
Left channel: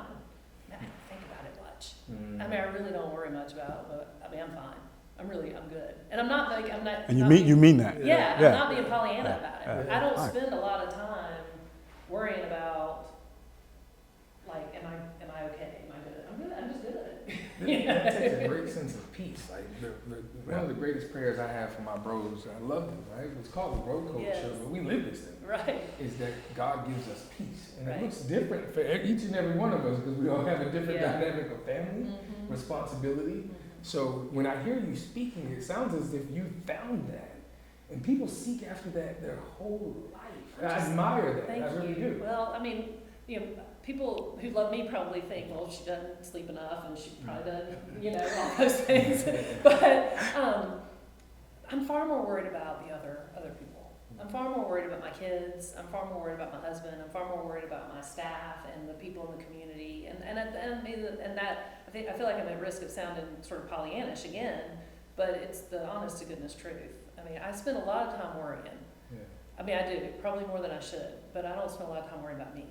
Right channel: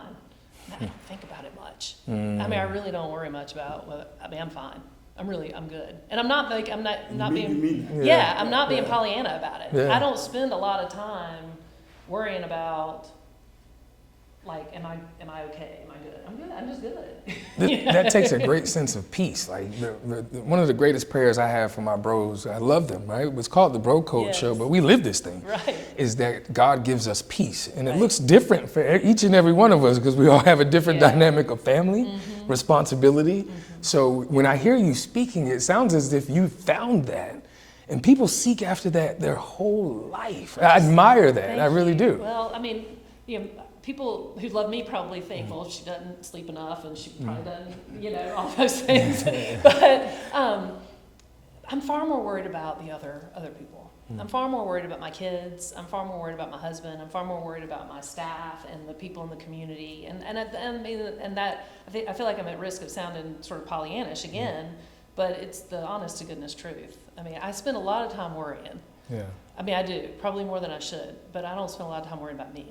I don't think about it much. I mean, I really don't worry much about I'm fine. I'm good. And I'm not like, you mean that. Yeah, I'm not being Pollyanna about it. Yeah. I don't spend a lot of time worrying about, like, am I okay? Am I good? I'm good. I'm just good. That takes a great sense of peace. Like one of the greatest prayers I have for my bros, I love them, right? It was called the Bro Code Show, but we live this thing. Right. Is that God gives us peace. And it looks different for each and every one of us because we all have a different dynamic of family, responsibility. So when I hear you speaking, it sounds as if you found that. And people seek after that their whole life. I admire that. Thank I really you. do. Well, I mean, people who love me probably think, well, she doesn't sleep enough and she probably doesn't, all those things. But I'm far more worried about the other people. I'm far more worried about my kids. I'm far more worried about my husband. I'm far more worried about my staff and the people in the community. I feel like I'm at risk of sounding sort of Pollyannish again, but it's the honest to goodness truth. I mean, I spend a lot of time worrying. Yeah. I mean, I do, probably more than I should, but I don't spend a lot of time worrying about me.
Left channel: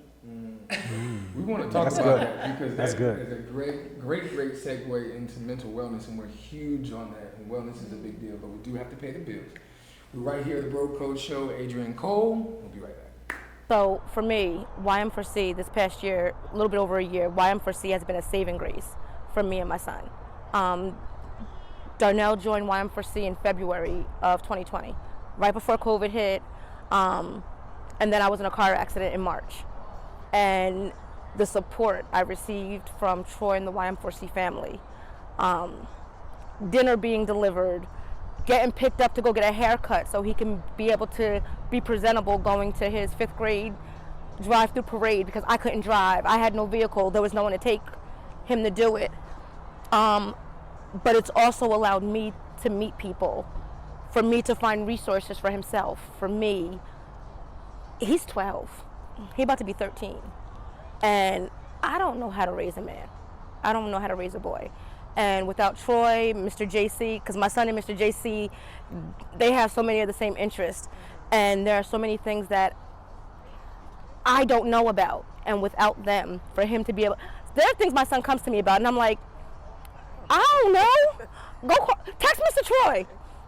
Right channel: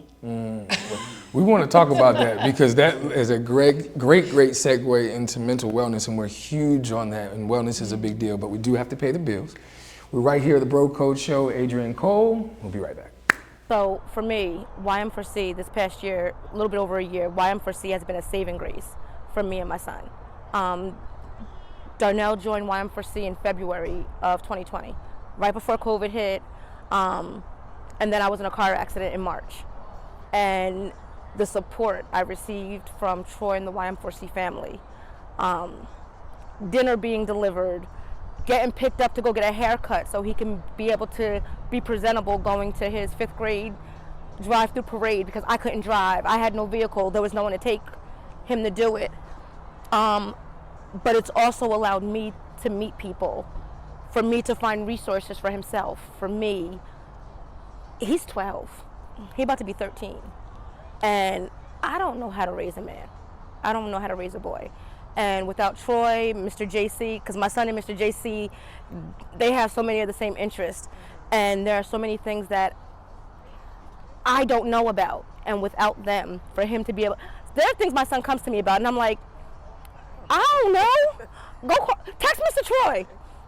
We want to talk about that because that is a great segue into mental wellness, and we're huge on that, and wellness is a big deal, but we do have to pay the bills. We're right here at the Bro Code Show. Adrienne Cole. We'll be right back. So for me, YM4C this past year, a little bit over a year, YM4C has been a saving grace for me and my son. Darnell joined YM4C in February of 2020, right before COVID hit, and then I was in a car accident in March. And the support I received from Troy and the YM4C family, dinner being delivered, getting picked up to go get a haircut so he can be able to be presentable going to his 5th grade drive-through parade because I couldn't drive. I had no vehicle. There was no one to take him to do it. But it's also allowed me to meet people, for me to find resources for himself. For me, he's 12. He's about to be 13. And I don't know how to raise a man. I don't know how to raise a boy. And without Troy, Mr. JC, because my son and Mr. JC, they have so many of the same interests. And there are so many things that I don't know about. And without them, for him to be able, there are things my son comes to me about, and I'm like, I don't know. Text Mr. Troy.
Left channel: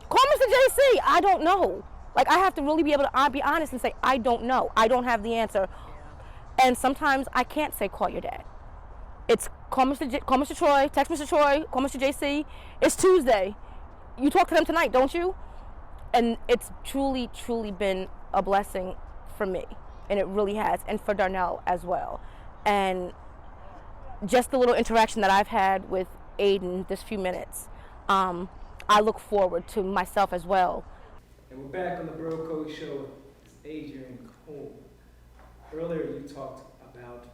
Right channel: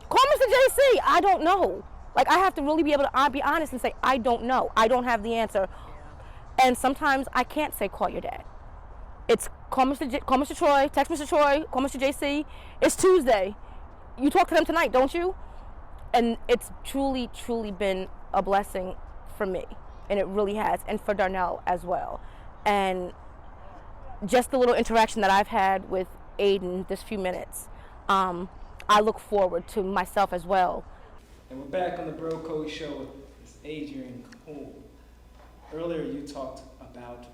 Call Mr. JC. I don't know. Like, I have to really be able to be honest and say, I don't know. I don't have the answer. And sometimes I can't say, call your dad. It's call Mr. Troy, text Mr. Troy, call Mr. JC. It's Tuesday. You talk to them tonight, don't you? And it's truly, truly been a blessing for me. And it really has. And for Darnell as well. And just the little interaction that I've had with Aiden this few minutes, I look forward to myself as well. And we're back on the Bro Code Show. It's Adrienne Cole. Earlier you talked about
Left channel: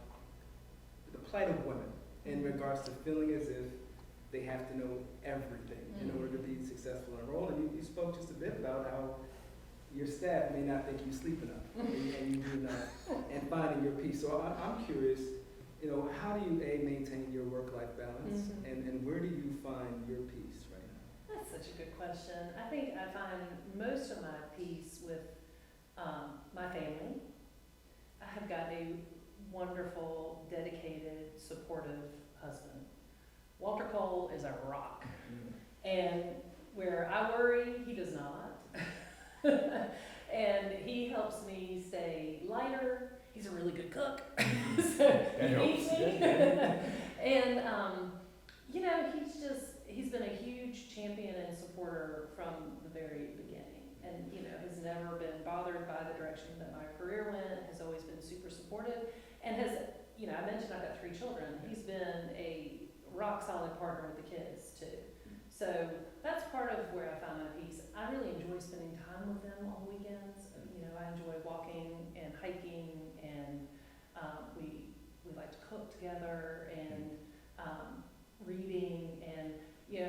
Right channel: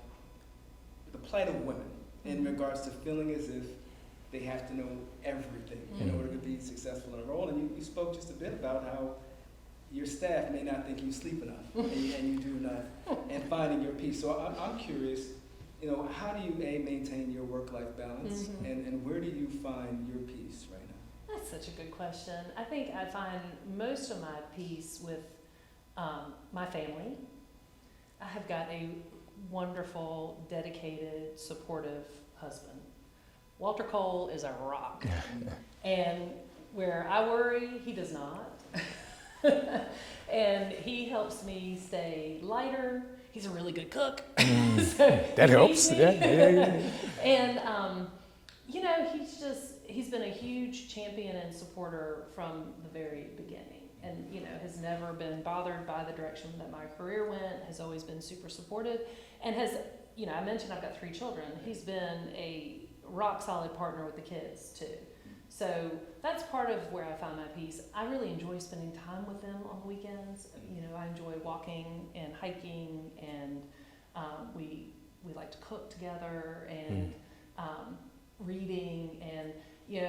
the plight of women in regards to feeling as if they have to know everything in order to be successful in a role. And you spoke just a bit about how your staff may not think you sleep enough and you do enough, and finding your peace. So I'm curious, how do you maintain your work-life balance, and where do you find your peace right now? That's such a good question. I think I find most of my peace with my family. I have got a wonderful, dedicated, supportive husband Walter Cole is a rock. And where I worry, he does not. And he helps me stay lighter. He's a really good cook. So that helps. Yeah. And, you know, he's been a huge champion and supporter from the very beginning. And, you know, has never been bothered by the direction that my career went, has always been super supportive, and has, you know, I mentioned I've got 3 children. He's been a rock solid partner with the kids too. So that's part of where I found my peace. I really enjoy spending time with them on the weekends. You know, I enjoy walking and hiking, and we like to cook together and reading. And you know,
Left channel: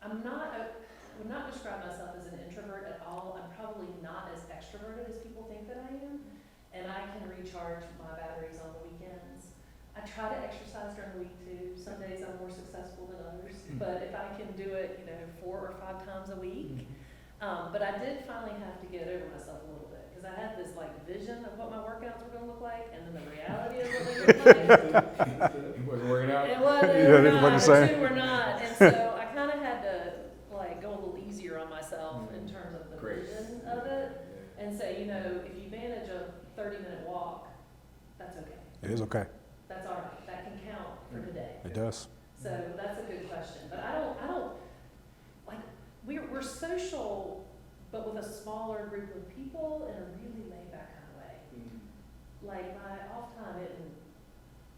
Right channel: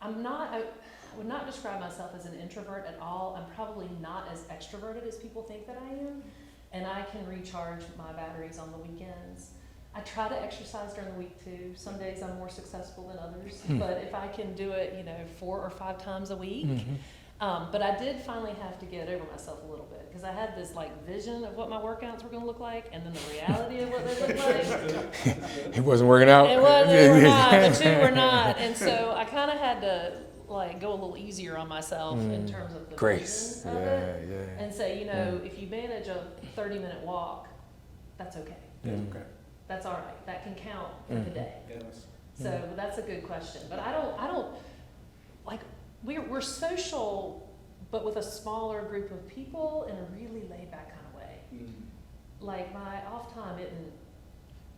I would not describe myself as an introvert at all. I'm probably not as extroverted as people think that I am, and I can recharge my batteries on the weekends. I try to exercise during the week too. Some days I'm more successful than others, but if I can do it, you know, 4 or 5 times a week. But I did finally have to get over myself a little bit, because I had this like vision of what my workouts were going to look like, and then the reality of what they look like. It wasn't working out. It wasn't. They were not. The 2 were not. And so I kind of had to like go a little easier on myself in terms of the grace vision of it, and say, you know, if you manage a 30-minute walk, that's okay. It is okay. That's all right. That can count in the day. It does. So that's a good question. But I don't like, we're social, but with a smaller group of people in a really laid back kind of way. Like my off time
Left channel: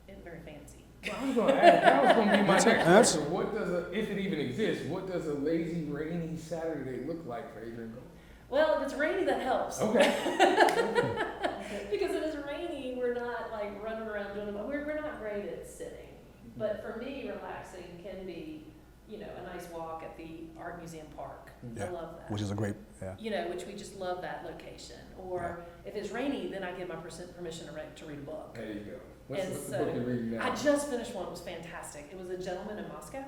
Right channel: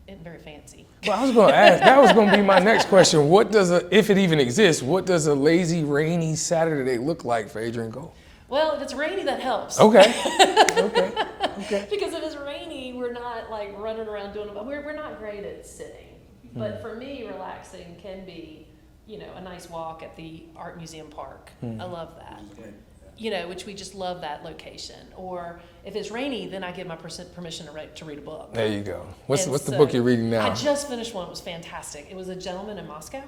isn't very fancy. Well, I was going to ask, that was going to be my next question. What does if it even exists, what does a lazy, rainy Saturday look like for Adrienne Cole? Well, if it's rainy, that helps. Okay. Because if it's rainy, we're not like running around doing them. We're not great at sitting. But for me, relaxing can be, you know, a nice walk at the Art Museum Park. I love that. Which is a great, You know, which we just love that location. Or if it's rainy, then I give my permission to read a book. There you go. What's the So, book you're reading now? I just finished one. It was fantastic. It was A Gentleman in Moscow.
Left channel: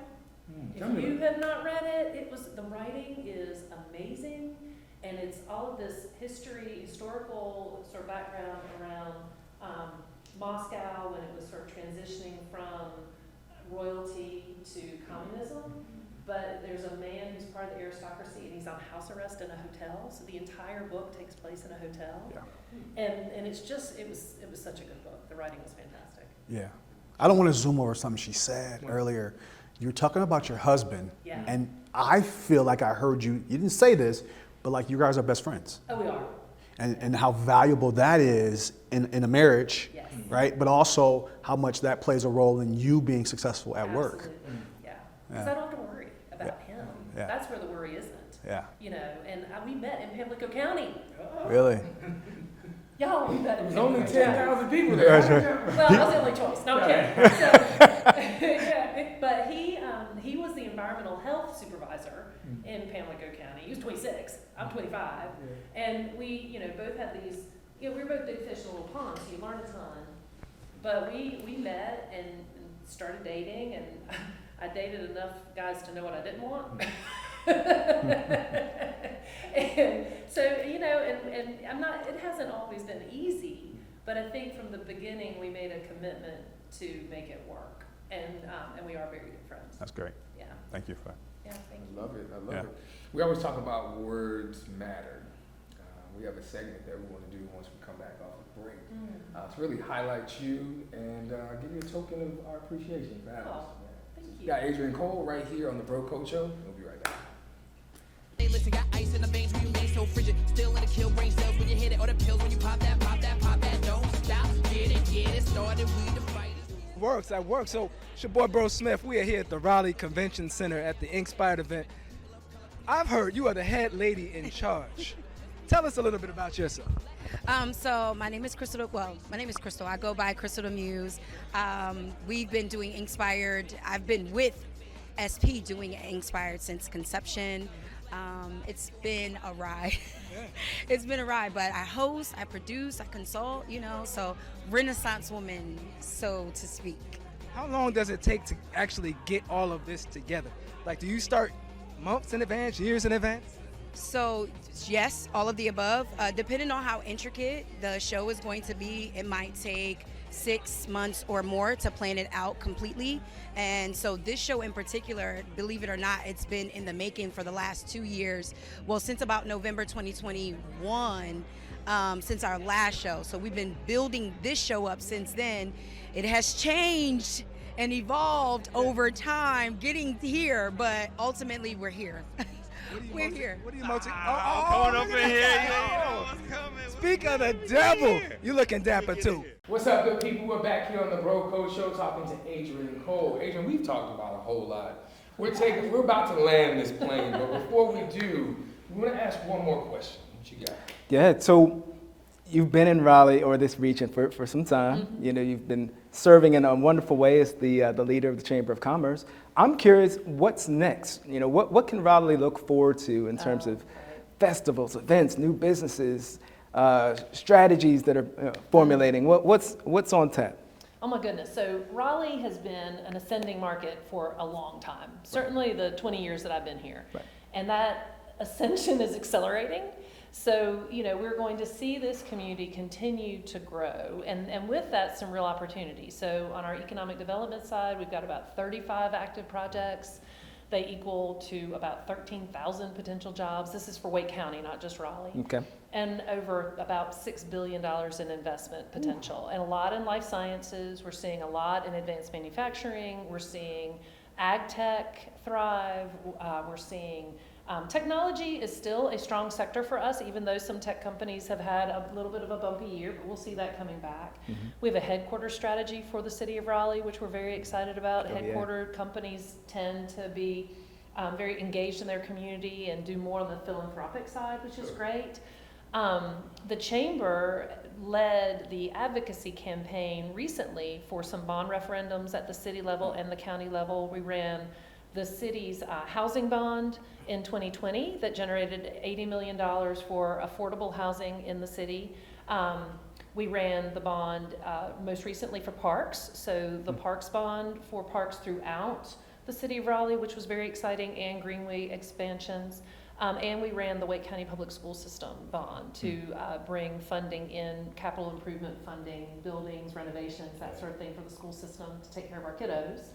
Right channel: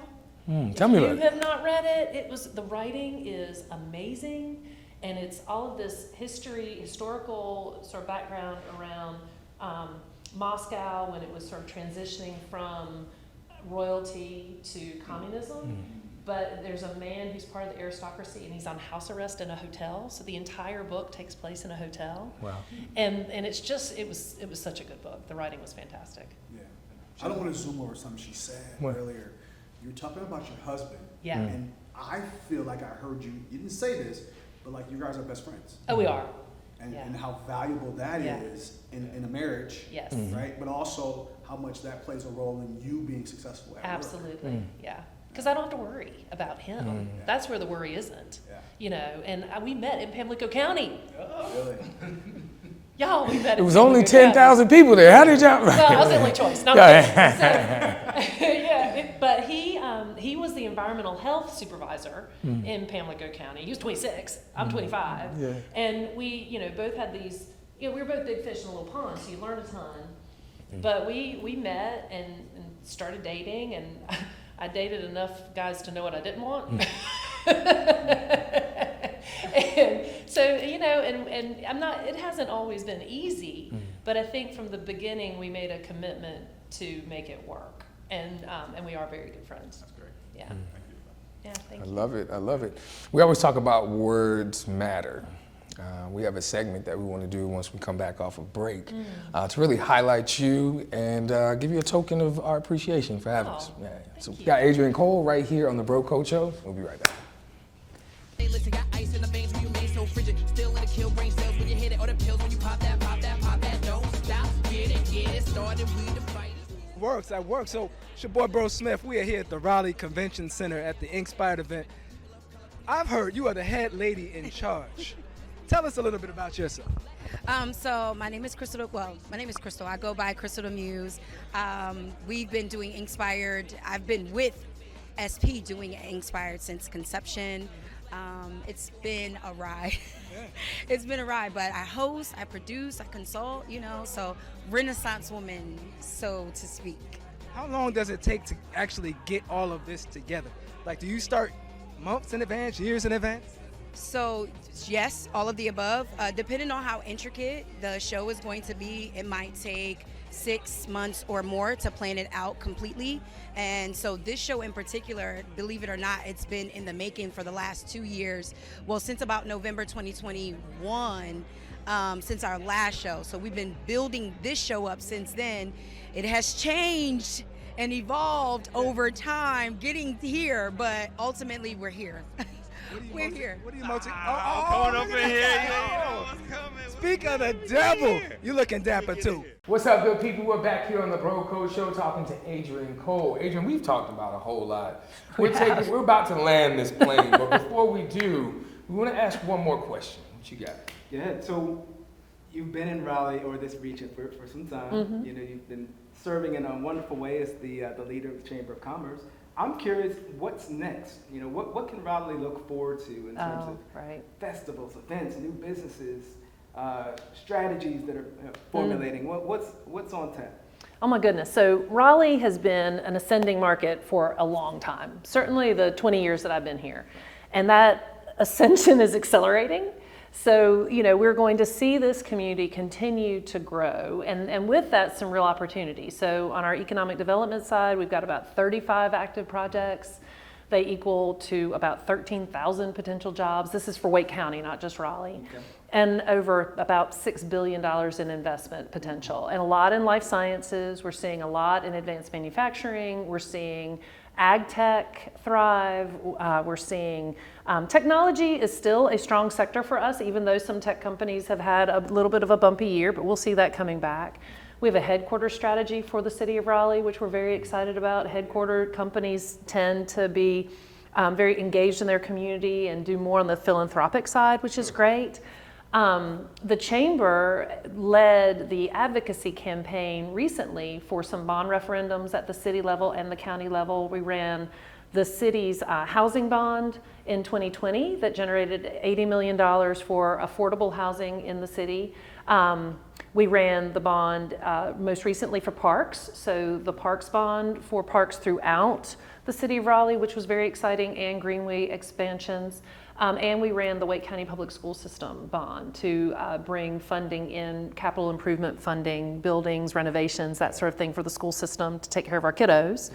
Tell me about If you it. have not read it, the writing is amazing. And it's all of this historical sort of background around Moscow when it was sort of transitioning from royalty to communism. But there's a man who's part of the aristocracy, and he's on house arrest in a hotel. So the entire book takes place in a hotel. Wow. And it's just, it was such a good book. The writing was fantastic. Yeah. I don't want to zoom over something she said earlier. You were talking about your husband. Yeah. And I feel like I heard you didn't say this, but like you guys are best friends. Oh, we are. And how valuable that is in a marriage, Yes. right? But also how much that plays a role in you being successful at work. Absolutely. Yeah. Because I don't have to worry about him. Yeah. That's where the worry isn't. Yeah. You know, and we met in Pamlico County. Really? Y'all, we met. It was only 10,000 people there. How did y'all? Well, I was the only choice. No, yeah, but he was the environmental health supervisor in Pamlico County. He was 26. I'm 25. Yeah. And we, you know, both had these. You know, we were both big fish in a little pond, so you learn a ton. But we met and started dating, and I dated enough guys to know what I didn't want. And so, you know, and I'm not, it hasn't always been easy, but I think from the beginning we made a commitment to make it work. And we are very good friends. That's great. Yeah. Thank you for that. Yeah, thank I you. love it. I love it. We always talk about words matter. We have a segment that we want to do once we come back off of break to really highlight you and give you a token of our appreciation for having us. Yeah. So we got Adrienne Cole right here on the Bro Code Show. We'll be right back. Hey, listen, got ice in the veins when you made so frigid. Still in the kill brain cells when you hit it. Or the pills when you pop that. Don't stop, get it started. We the fighters. Works, that works. So it's your boy Bro Smith. We are here at the Raleigh Convention Center at the Inspired event. I've heard you are the head lady in charge. Tell us a little bit about yourself. So my name is Crystal. Well, my name is Crystal. I go by Crystal the Muse. We've been doing Inspired. I've been with SP doing Inspired since conception. It's been a ride. It's been a ride, but I host, I produce, I consult, you know, so Renaissance woman, so to speak. How long does it take to actually get all of this together? Like, do you start months in advance, years in advance? So, yes, all of the above. Depending on how intricate the show is going to be, it might take 6 months or more to plan it out completely. And so this show in particular, believe it or not, it's been in the making for the last 2 years. Well, since about November 2021, since our last show. So we've been building this show up since then. It has changed and evolved over time getting here, but ultimately we're here. We're here. What are you motivated? Coming up in here, you know what's coming. Speak of the devil. You looking dapper too. What's up, good people? We're back here on the Bro Code Show talking to Adrienne Cole. Adrienne, we've talked about a whole lot. We're about to land this plane, but before we do, we want to ask one more question. What you got? Yeah, so you've been in Raleigh or this region for some time. Mm-hmm. You know, you've been serving in a wonderful way as the leader of the Chamber of Commerce. I'm curious, what's next? You know, what can Raleigh look forward to in terms of festivals, events, new businesses, strategies that are formulating? What's on tap? Oh my goodness. So Raleigh has been an ascending market for a long time, certainly the 20 years that I've been here. Right. And that ascension is accelerating. So, you know, we're going to see this community continue to grow, and with that, some real opportunities. So on our economic development side, we've got about 35 active projects. They equal to about 13,000 potential jobs. This is for Wake County, not just Raleigh. Okay. And over about $6 billion in investment potential. And a lot in life sciences. We're seeing a lot in advanced manufacturing. We're seeing ag tech thrive. We're seeing technology is still a strong sector for us, even though some tech companies have had a little bit of a bumpy year, but we'll see that coming back. Mm-hmm. We have a headquarters strategy for the city of Raleigh, which we're very excited about. Headquarter companies tend to be very engaged in their community and do more on the philanthropic side, which is great. The Chamber led the advocacy campaign recently for some bond referendums at the city level and the county level. We ran the city's housing bond in 2020 that generated $80 million for affordable housing in the city. We ran the bond most recently for parks, so the parks bond for parks throughout the city of Raleigh, which was very exciting, and Greenway expansions. And we ran the Wake County Public School System bond to bring funding in, capital improvement funding, buildings, renovations, that sort of thing for the school system to take care of our kiddos.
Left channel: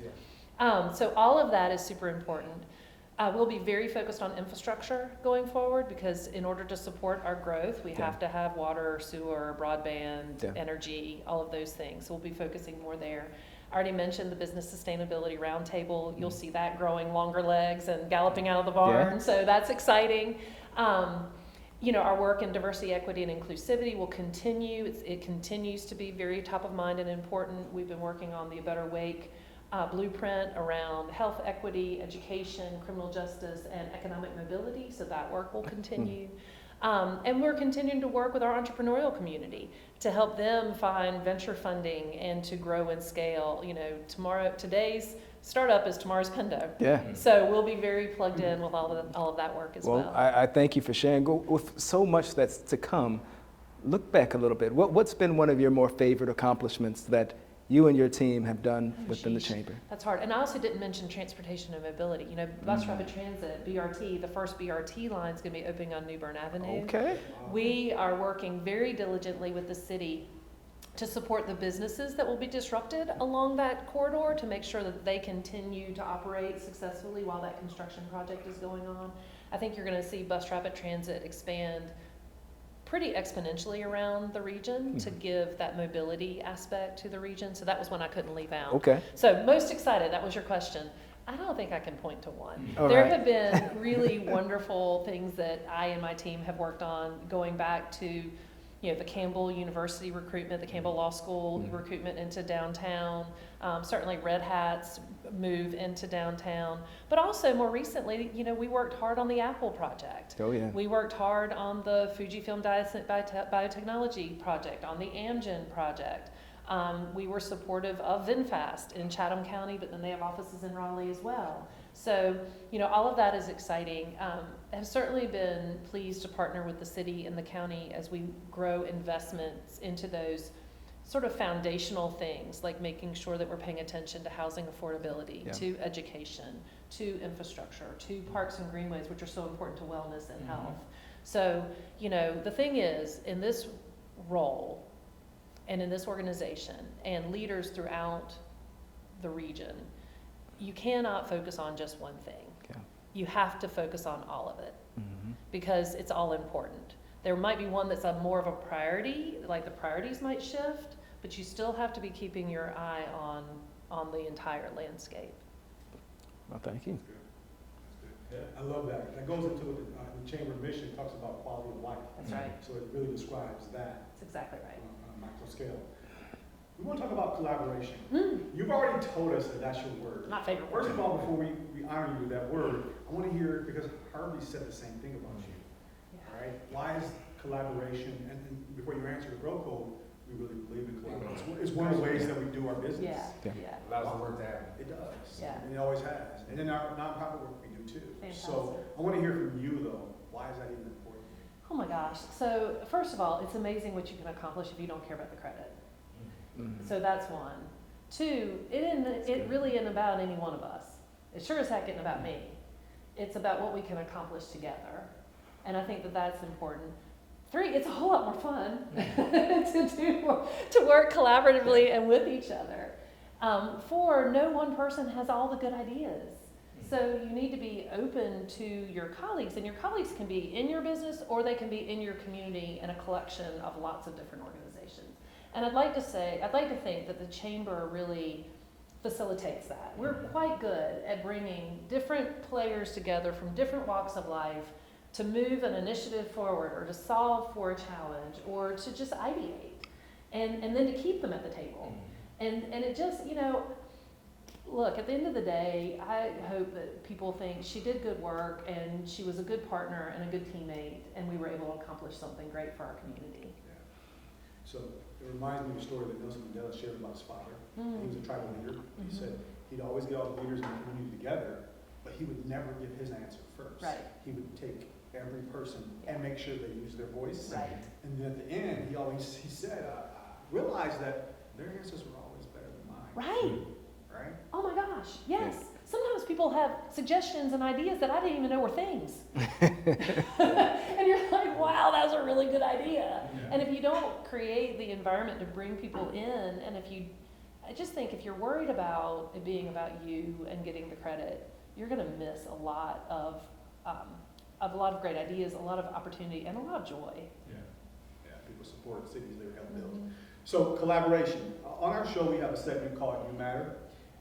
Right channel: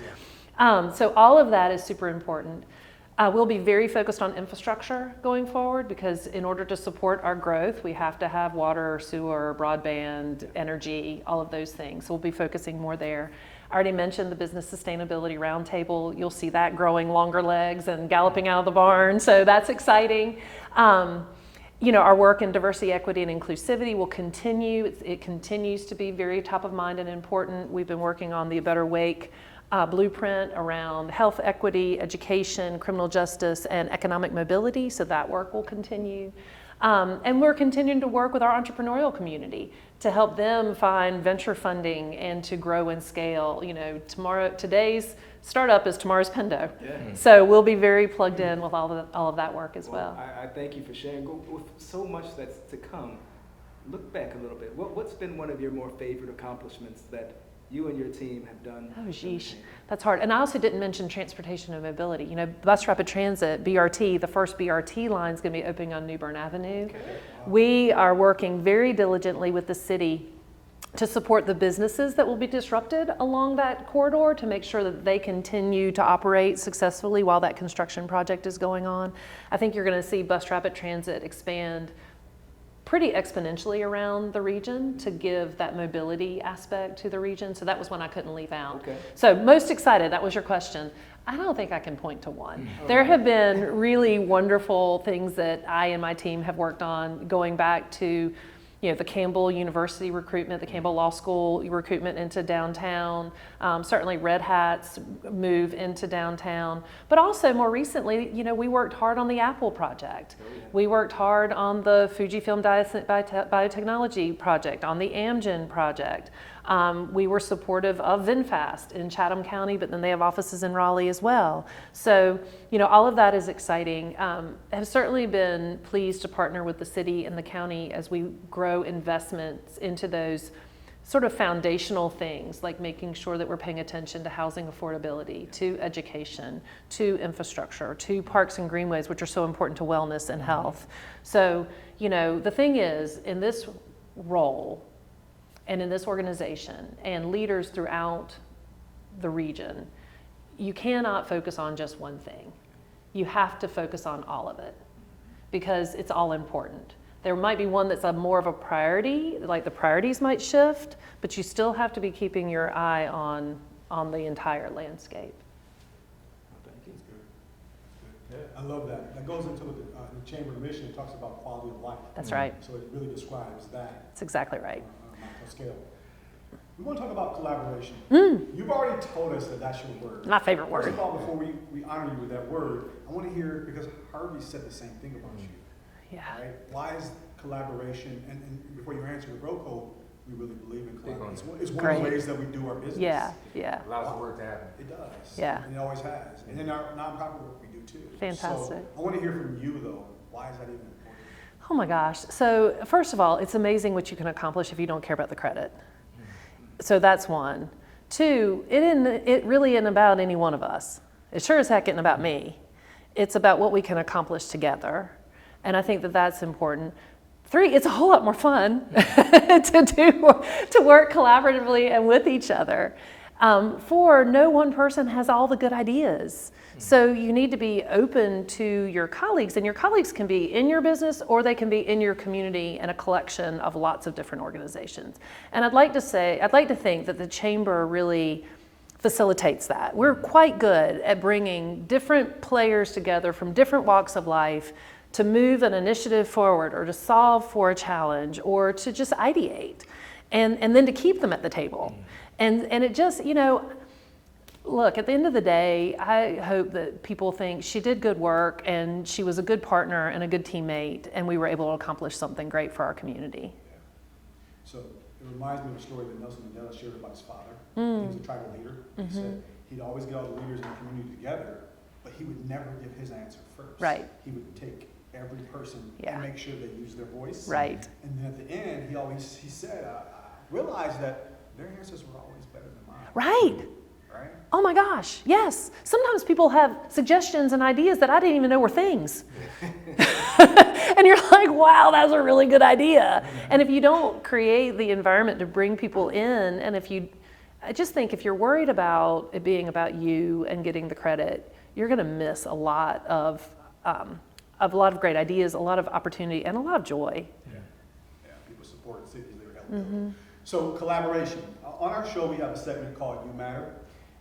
So all of that is super important. We'll be very focused on infrastructure going forward, because in order to support our growth, we have to have water, sewer, broadband, energy, all of those things. So we'll be focusing more there. I already mentioned the Business Sustainability Roundtable. You'll see that growing longer legs and galloping out of the barn, so that's exciting. You know, our work in diversity, equity, and inclusivity will continue. It continues to be very top of mind and important. We've been working on the A Better Wake blueprint around health equity, education, criminal justice, and economic mobility, so that work will continue. And we're continuing to work with our entrepreneurial community to help them find venture funding and to grow and scale. You know, today's startup is tomorrow's Pendo. Yeah. So we'll be very plugged in with all of that work as well. I thank you for sharing. With so much that's to come, look back a little bit. What's been one of your more favorite accomplishments that you and your team have done within the Chamber? That's hard. And I also didn't mention transportation and mobility. You know, bus rapid transit, BRT, the first BRT line is going to be opening on New Bern Avenue. Okay. We are working very diligently with the city to support the businesses that will be disrupted along that corridor to make sure that they continue to operate successfully while that construction project is going on. I think you're going to see bus rapid transit expand pretty exponentially around the region to give that mobility aspect to the region. So that was one I couldn't leave out. Okay. So most excited, that was your question. I don't think I can point to one. There have been really wonderful things that I and my team have worked on, going back to, you know, the Campbell University recruitment, the Campbell Law School recruitment into downtown, certainly Red Hat's move into downtown, but also more recently, you know, we worked hard on the Apple project. Oh, yeah. We worked hard on the Fujifilm biotechnology project, on the Amgen project. We were supportive of VinFast in Chatham County, but then they have offices in Raleigh as well. So, you know, all of that is exciting. Have certainly been pleased to partner with the city and the county as we grow investments into those sort of foundational things, like making sure that we're paying attention to housing affordability, to education, to infrastructure, to parks and greenways, which are so important to wellness and health. So, you know, the thing is, in this role and in this organization and leaders throughout the region, you cannot focus on just one thing. You have to focus on all of it because it's all important. There might be one that's more of a priority, like the priorities might shift, but you still have to be keeping your eye on the entire landscape. Well, thank you. Yeah, I love that. That goes into the Chamber mission. It talks about quality of life. That's right. So it really describes that. That's exactly right. On a macro scale. We want to talk about collaboration. You've already told us that that's your word. My favorite word. First of all, before we honor you with that word, I want to hear, because Harvey said the same thing about you. Yeah. Right? Why is collaboration, and before you answer the bro code, we really believe in collaboration. It's one of the ways that we do our business. Yeah. Lots of work to happen. It does. Yeah. And it always has. And then our nonprofit work we do too. Fantastic. So I want to hear from you though. Why is that even important? Oh my gosh. So first of all, it's amazing what you can accomplish if you don't care about the credit. So that's one. Two, it really isn't about any one of us. It sure as heck isn't about me. It's about what we can accomplish together. And I think that that's important. Three, it's a whole lot more fun to work collaboratively and with each other. Four, no one person has all the good ideas. So you need to be open to your colleagues, and your colleagues can be in your business or they can be in your community and a collection of lots of different organizations. And I'd like to think that the Chamber really facilitates that. We're quite good at bringing different players together from different walks of life to move an initiative forward or to solve for a challenge or to just ideate and then to keep them at the table. And it just, you know, look, at the end of the day, I hope that people think she did good work and she was a good partner and a good teammate and we were able to accomplish something great for our community. Yeah. So it reminds me of a story that Nelson Mandela shared about his father. He was a tribal leader. He said he'd always get all the leaders in the community together, but he would never give his answer first. Right. He would take every person and make sure they use their voice. Right. And then at the end, he said, I realized that their answers were always better than mine. Right. Right? Oh my gosh, yes. Sometimes people have suggestions and ideas that I didn't even know were things. And you're like, wow, that's a really good idea. And if you don't create the environment to bring people in, and I just think if you're worried about it being about you and getting the credit, you're gonna miss a lot of great ideas, a lot of opportunity, and a lot of joy. Yeah, people support cities, they're helpful. So collaboration. On our show, we have a segment called You Matter.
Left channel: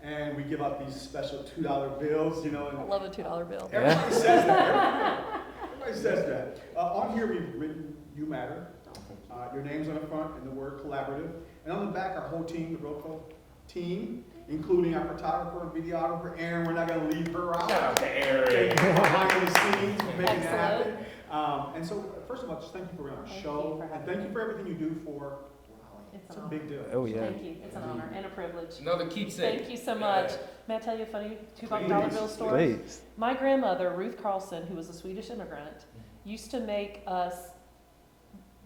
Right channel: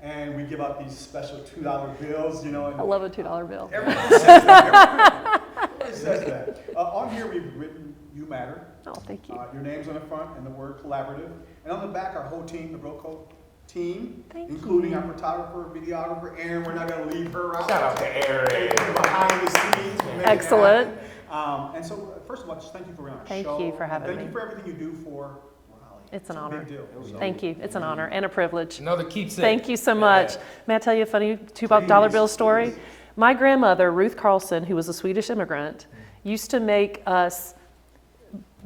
And we give out these special $2 bills, you know. And I love a $2 bill. everybody says that. Everybody says that. On here, we've written You Matter. Oh, thank you. Your name's on the front and the word collaborative. And on the back, our whole team, the Broco team, including our photographer, videographer, Erin. We're not going to leave her out. Shout out to Erin. Behind the scenes. Excellent. And so, first of all, just thank you for being on our Thank show. you for having me. Thank you for everything you do for Raleigh. It's an a honor. big deal. Oh, yeah. Thank you. It's an honor and a privilege. Another keepsake. Thank you so much. May I tell you a funny $2 bill story? Please. My grandmother, Ruth Carlson, who was a Swedish immigrant, used to make us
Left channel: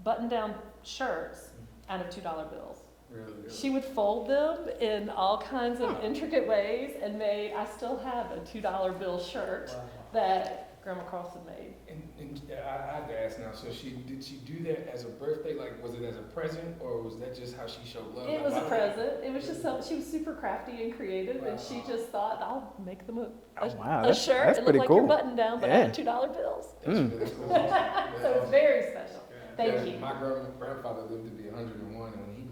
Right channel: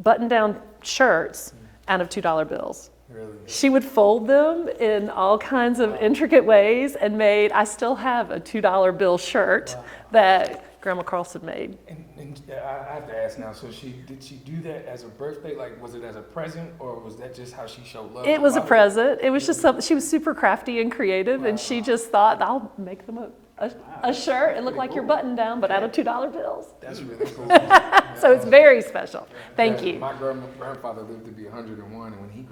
button-down shirts out of $2 bills. Really? She would fold them in all kinds of intricate ways and I still have a $2 bill shirt that Grandma Carlson made. And I have to ask now, so did she do that as a birthday? Like, was it as a present, or was that just how she showed love? It was a present. It was just something, she was super crafty and creative, and she just thought, I'll make them a shirt and look like your button down, but out of $2 bills. That's really cool. So it's very special. Thank you. My grandfather lived to be 101, and when he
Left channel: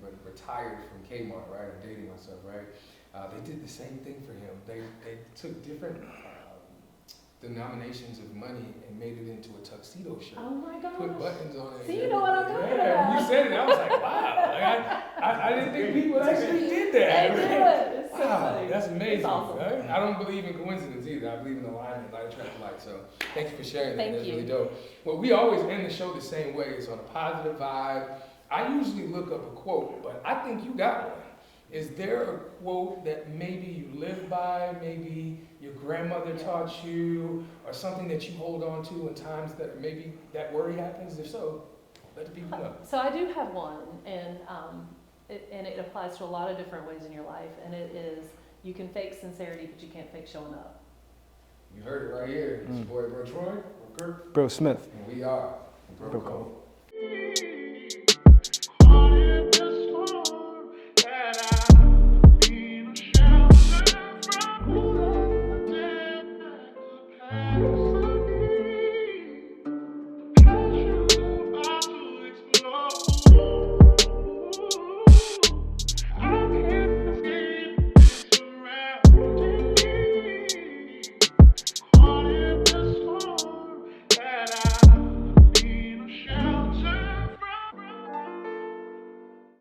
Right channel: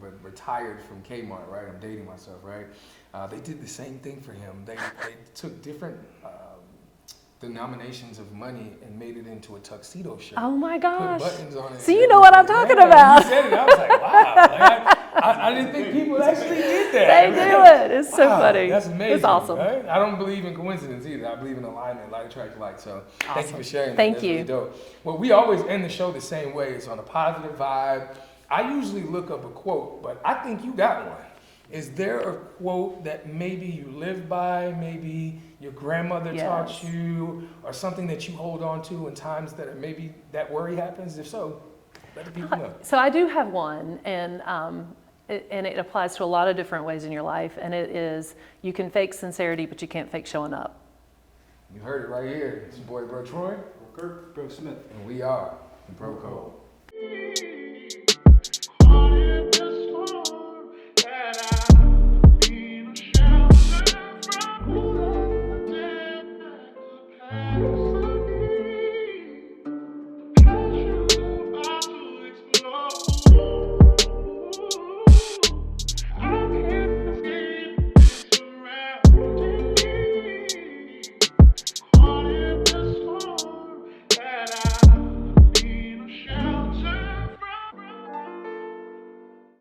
but retired from Kmart, right? I'm dating myself, right? They did the same thing for him. They took different denominations of money and made it into a tuxedo shirt. Oh my Put gosh. buttons on it. So you know what I'm talking about. You said it, I was like, wow. Like, I didn't think people actually did that. They do it. It's so Wow, funny. That's amazing. It's awesome. Right? I don't believe in coincidence either. I believe in alignment, like attract like. So thank you for sharing. Thank That's you. Really dope. Well, we always end the show the same way. It's on a positive vibe. I usually look up a quote, but I think you got one. Is there a quote that maybe you live by, maybe your grandmother taught you, or something that you hold on to in times that maybe that worry happens? If so. Let the people know. So I do have one, and it applies to a lot of different ways in your life, and it is you can fake sincerity, but you can't fake showing up. You heard it right here. It's your boy, Bro Troy, Bro Smith. and we are the Bro Code.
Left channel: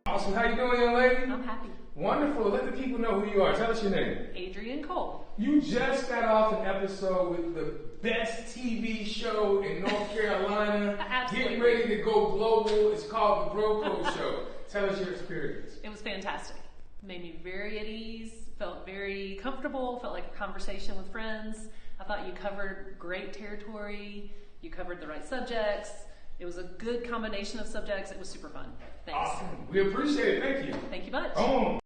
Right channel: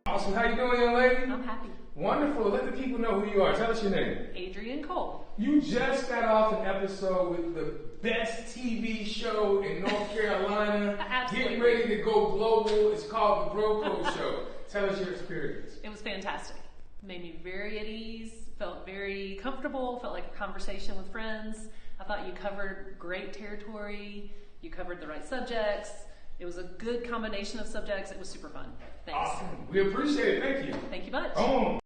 Awesome. How you doing, young lady? I'm happy. Wonderful. Let the people know who you are. Tell us your name. Adrienne Cole. You just got off an episode with the best TV show in North Carolina. Absolutely. Getting ready to go global. It's called The Bro Code Show. Tell us your experience. It was fantastic. Made me very at ease, felt very comfortable, felt like a conversation with friends. I thought you covered great territory. You covered the right subjects. It was a good combination of subjects. It was super fun. Thanks. Awesome. We appreciate it. Thank you. Thank you much. Boom.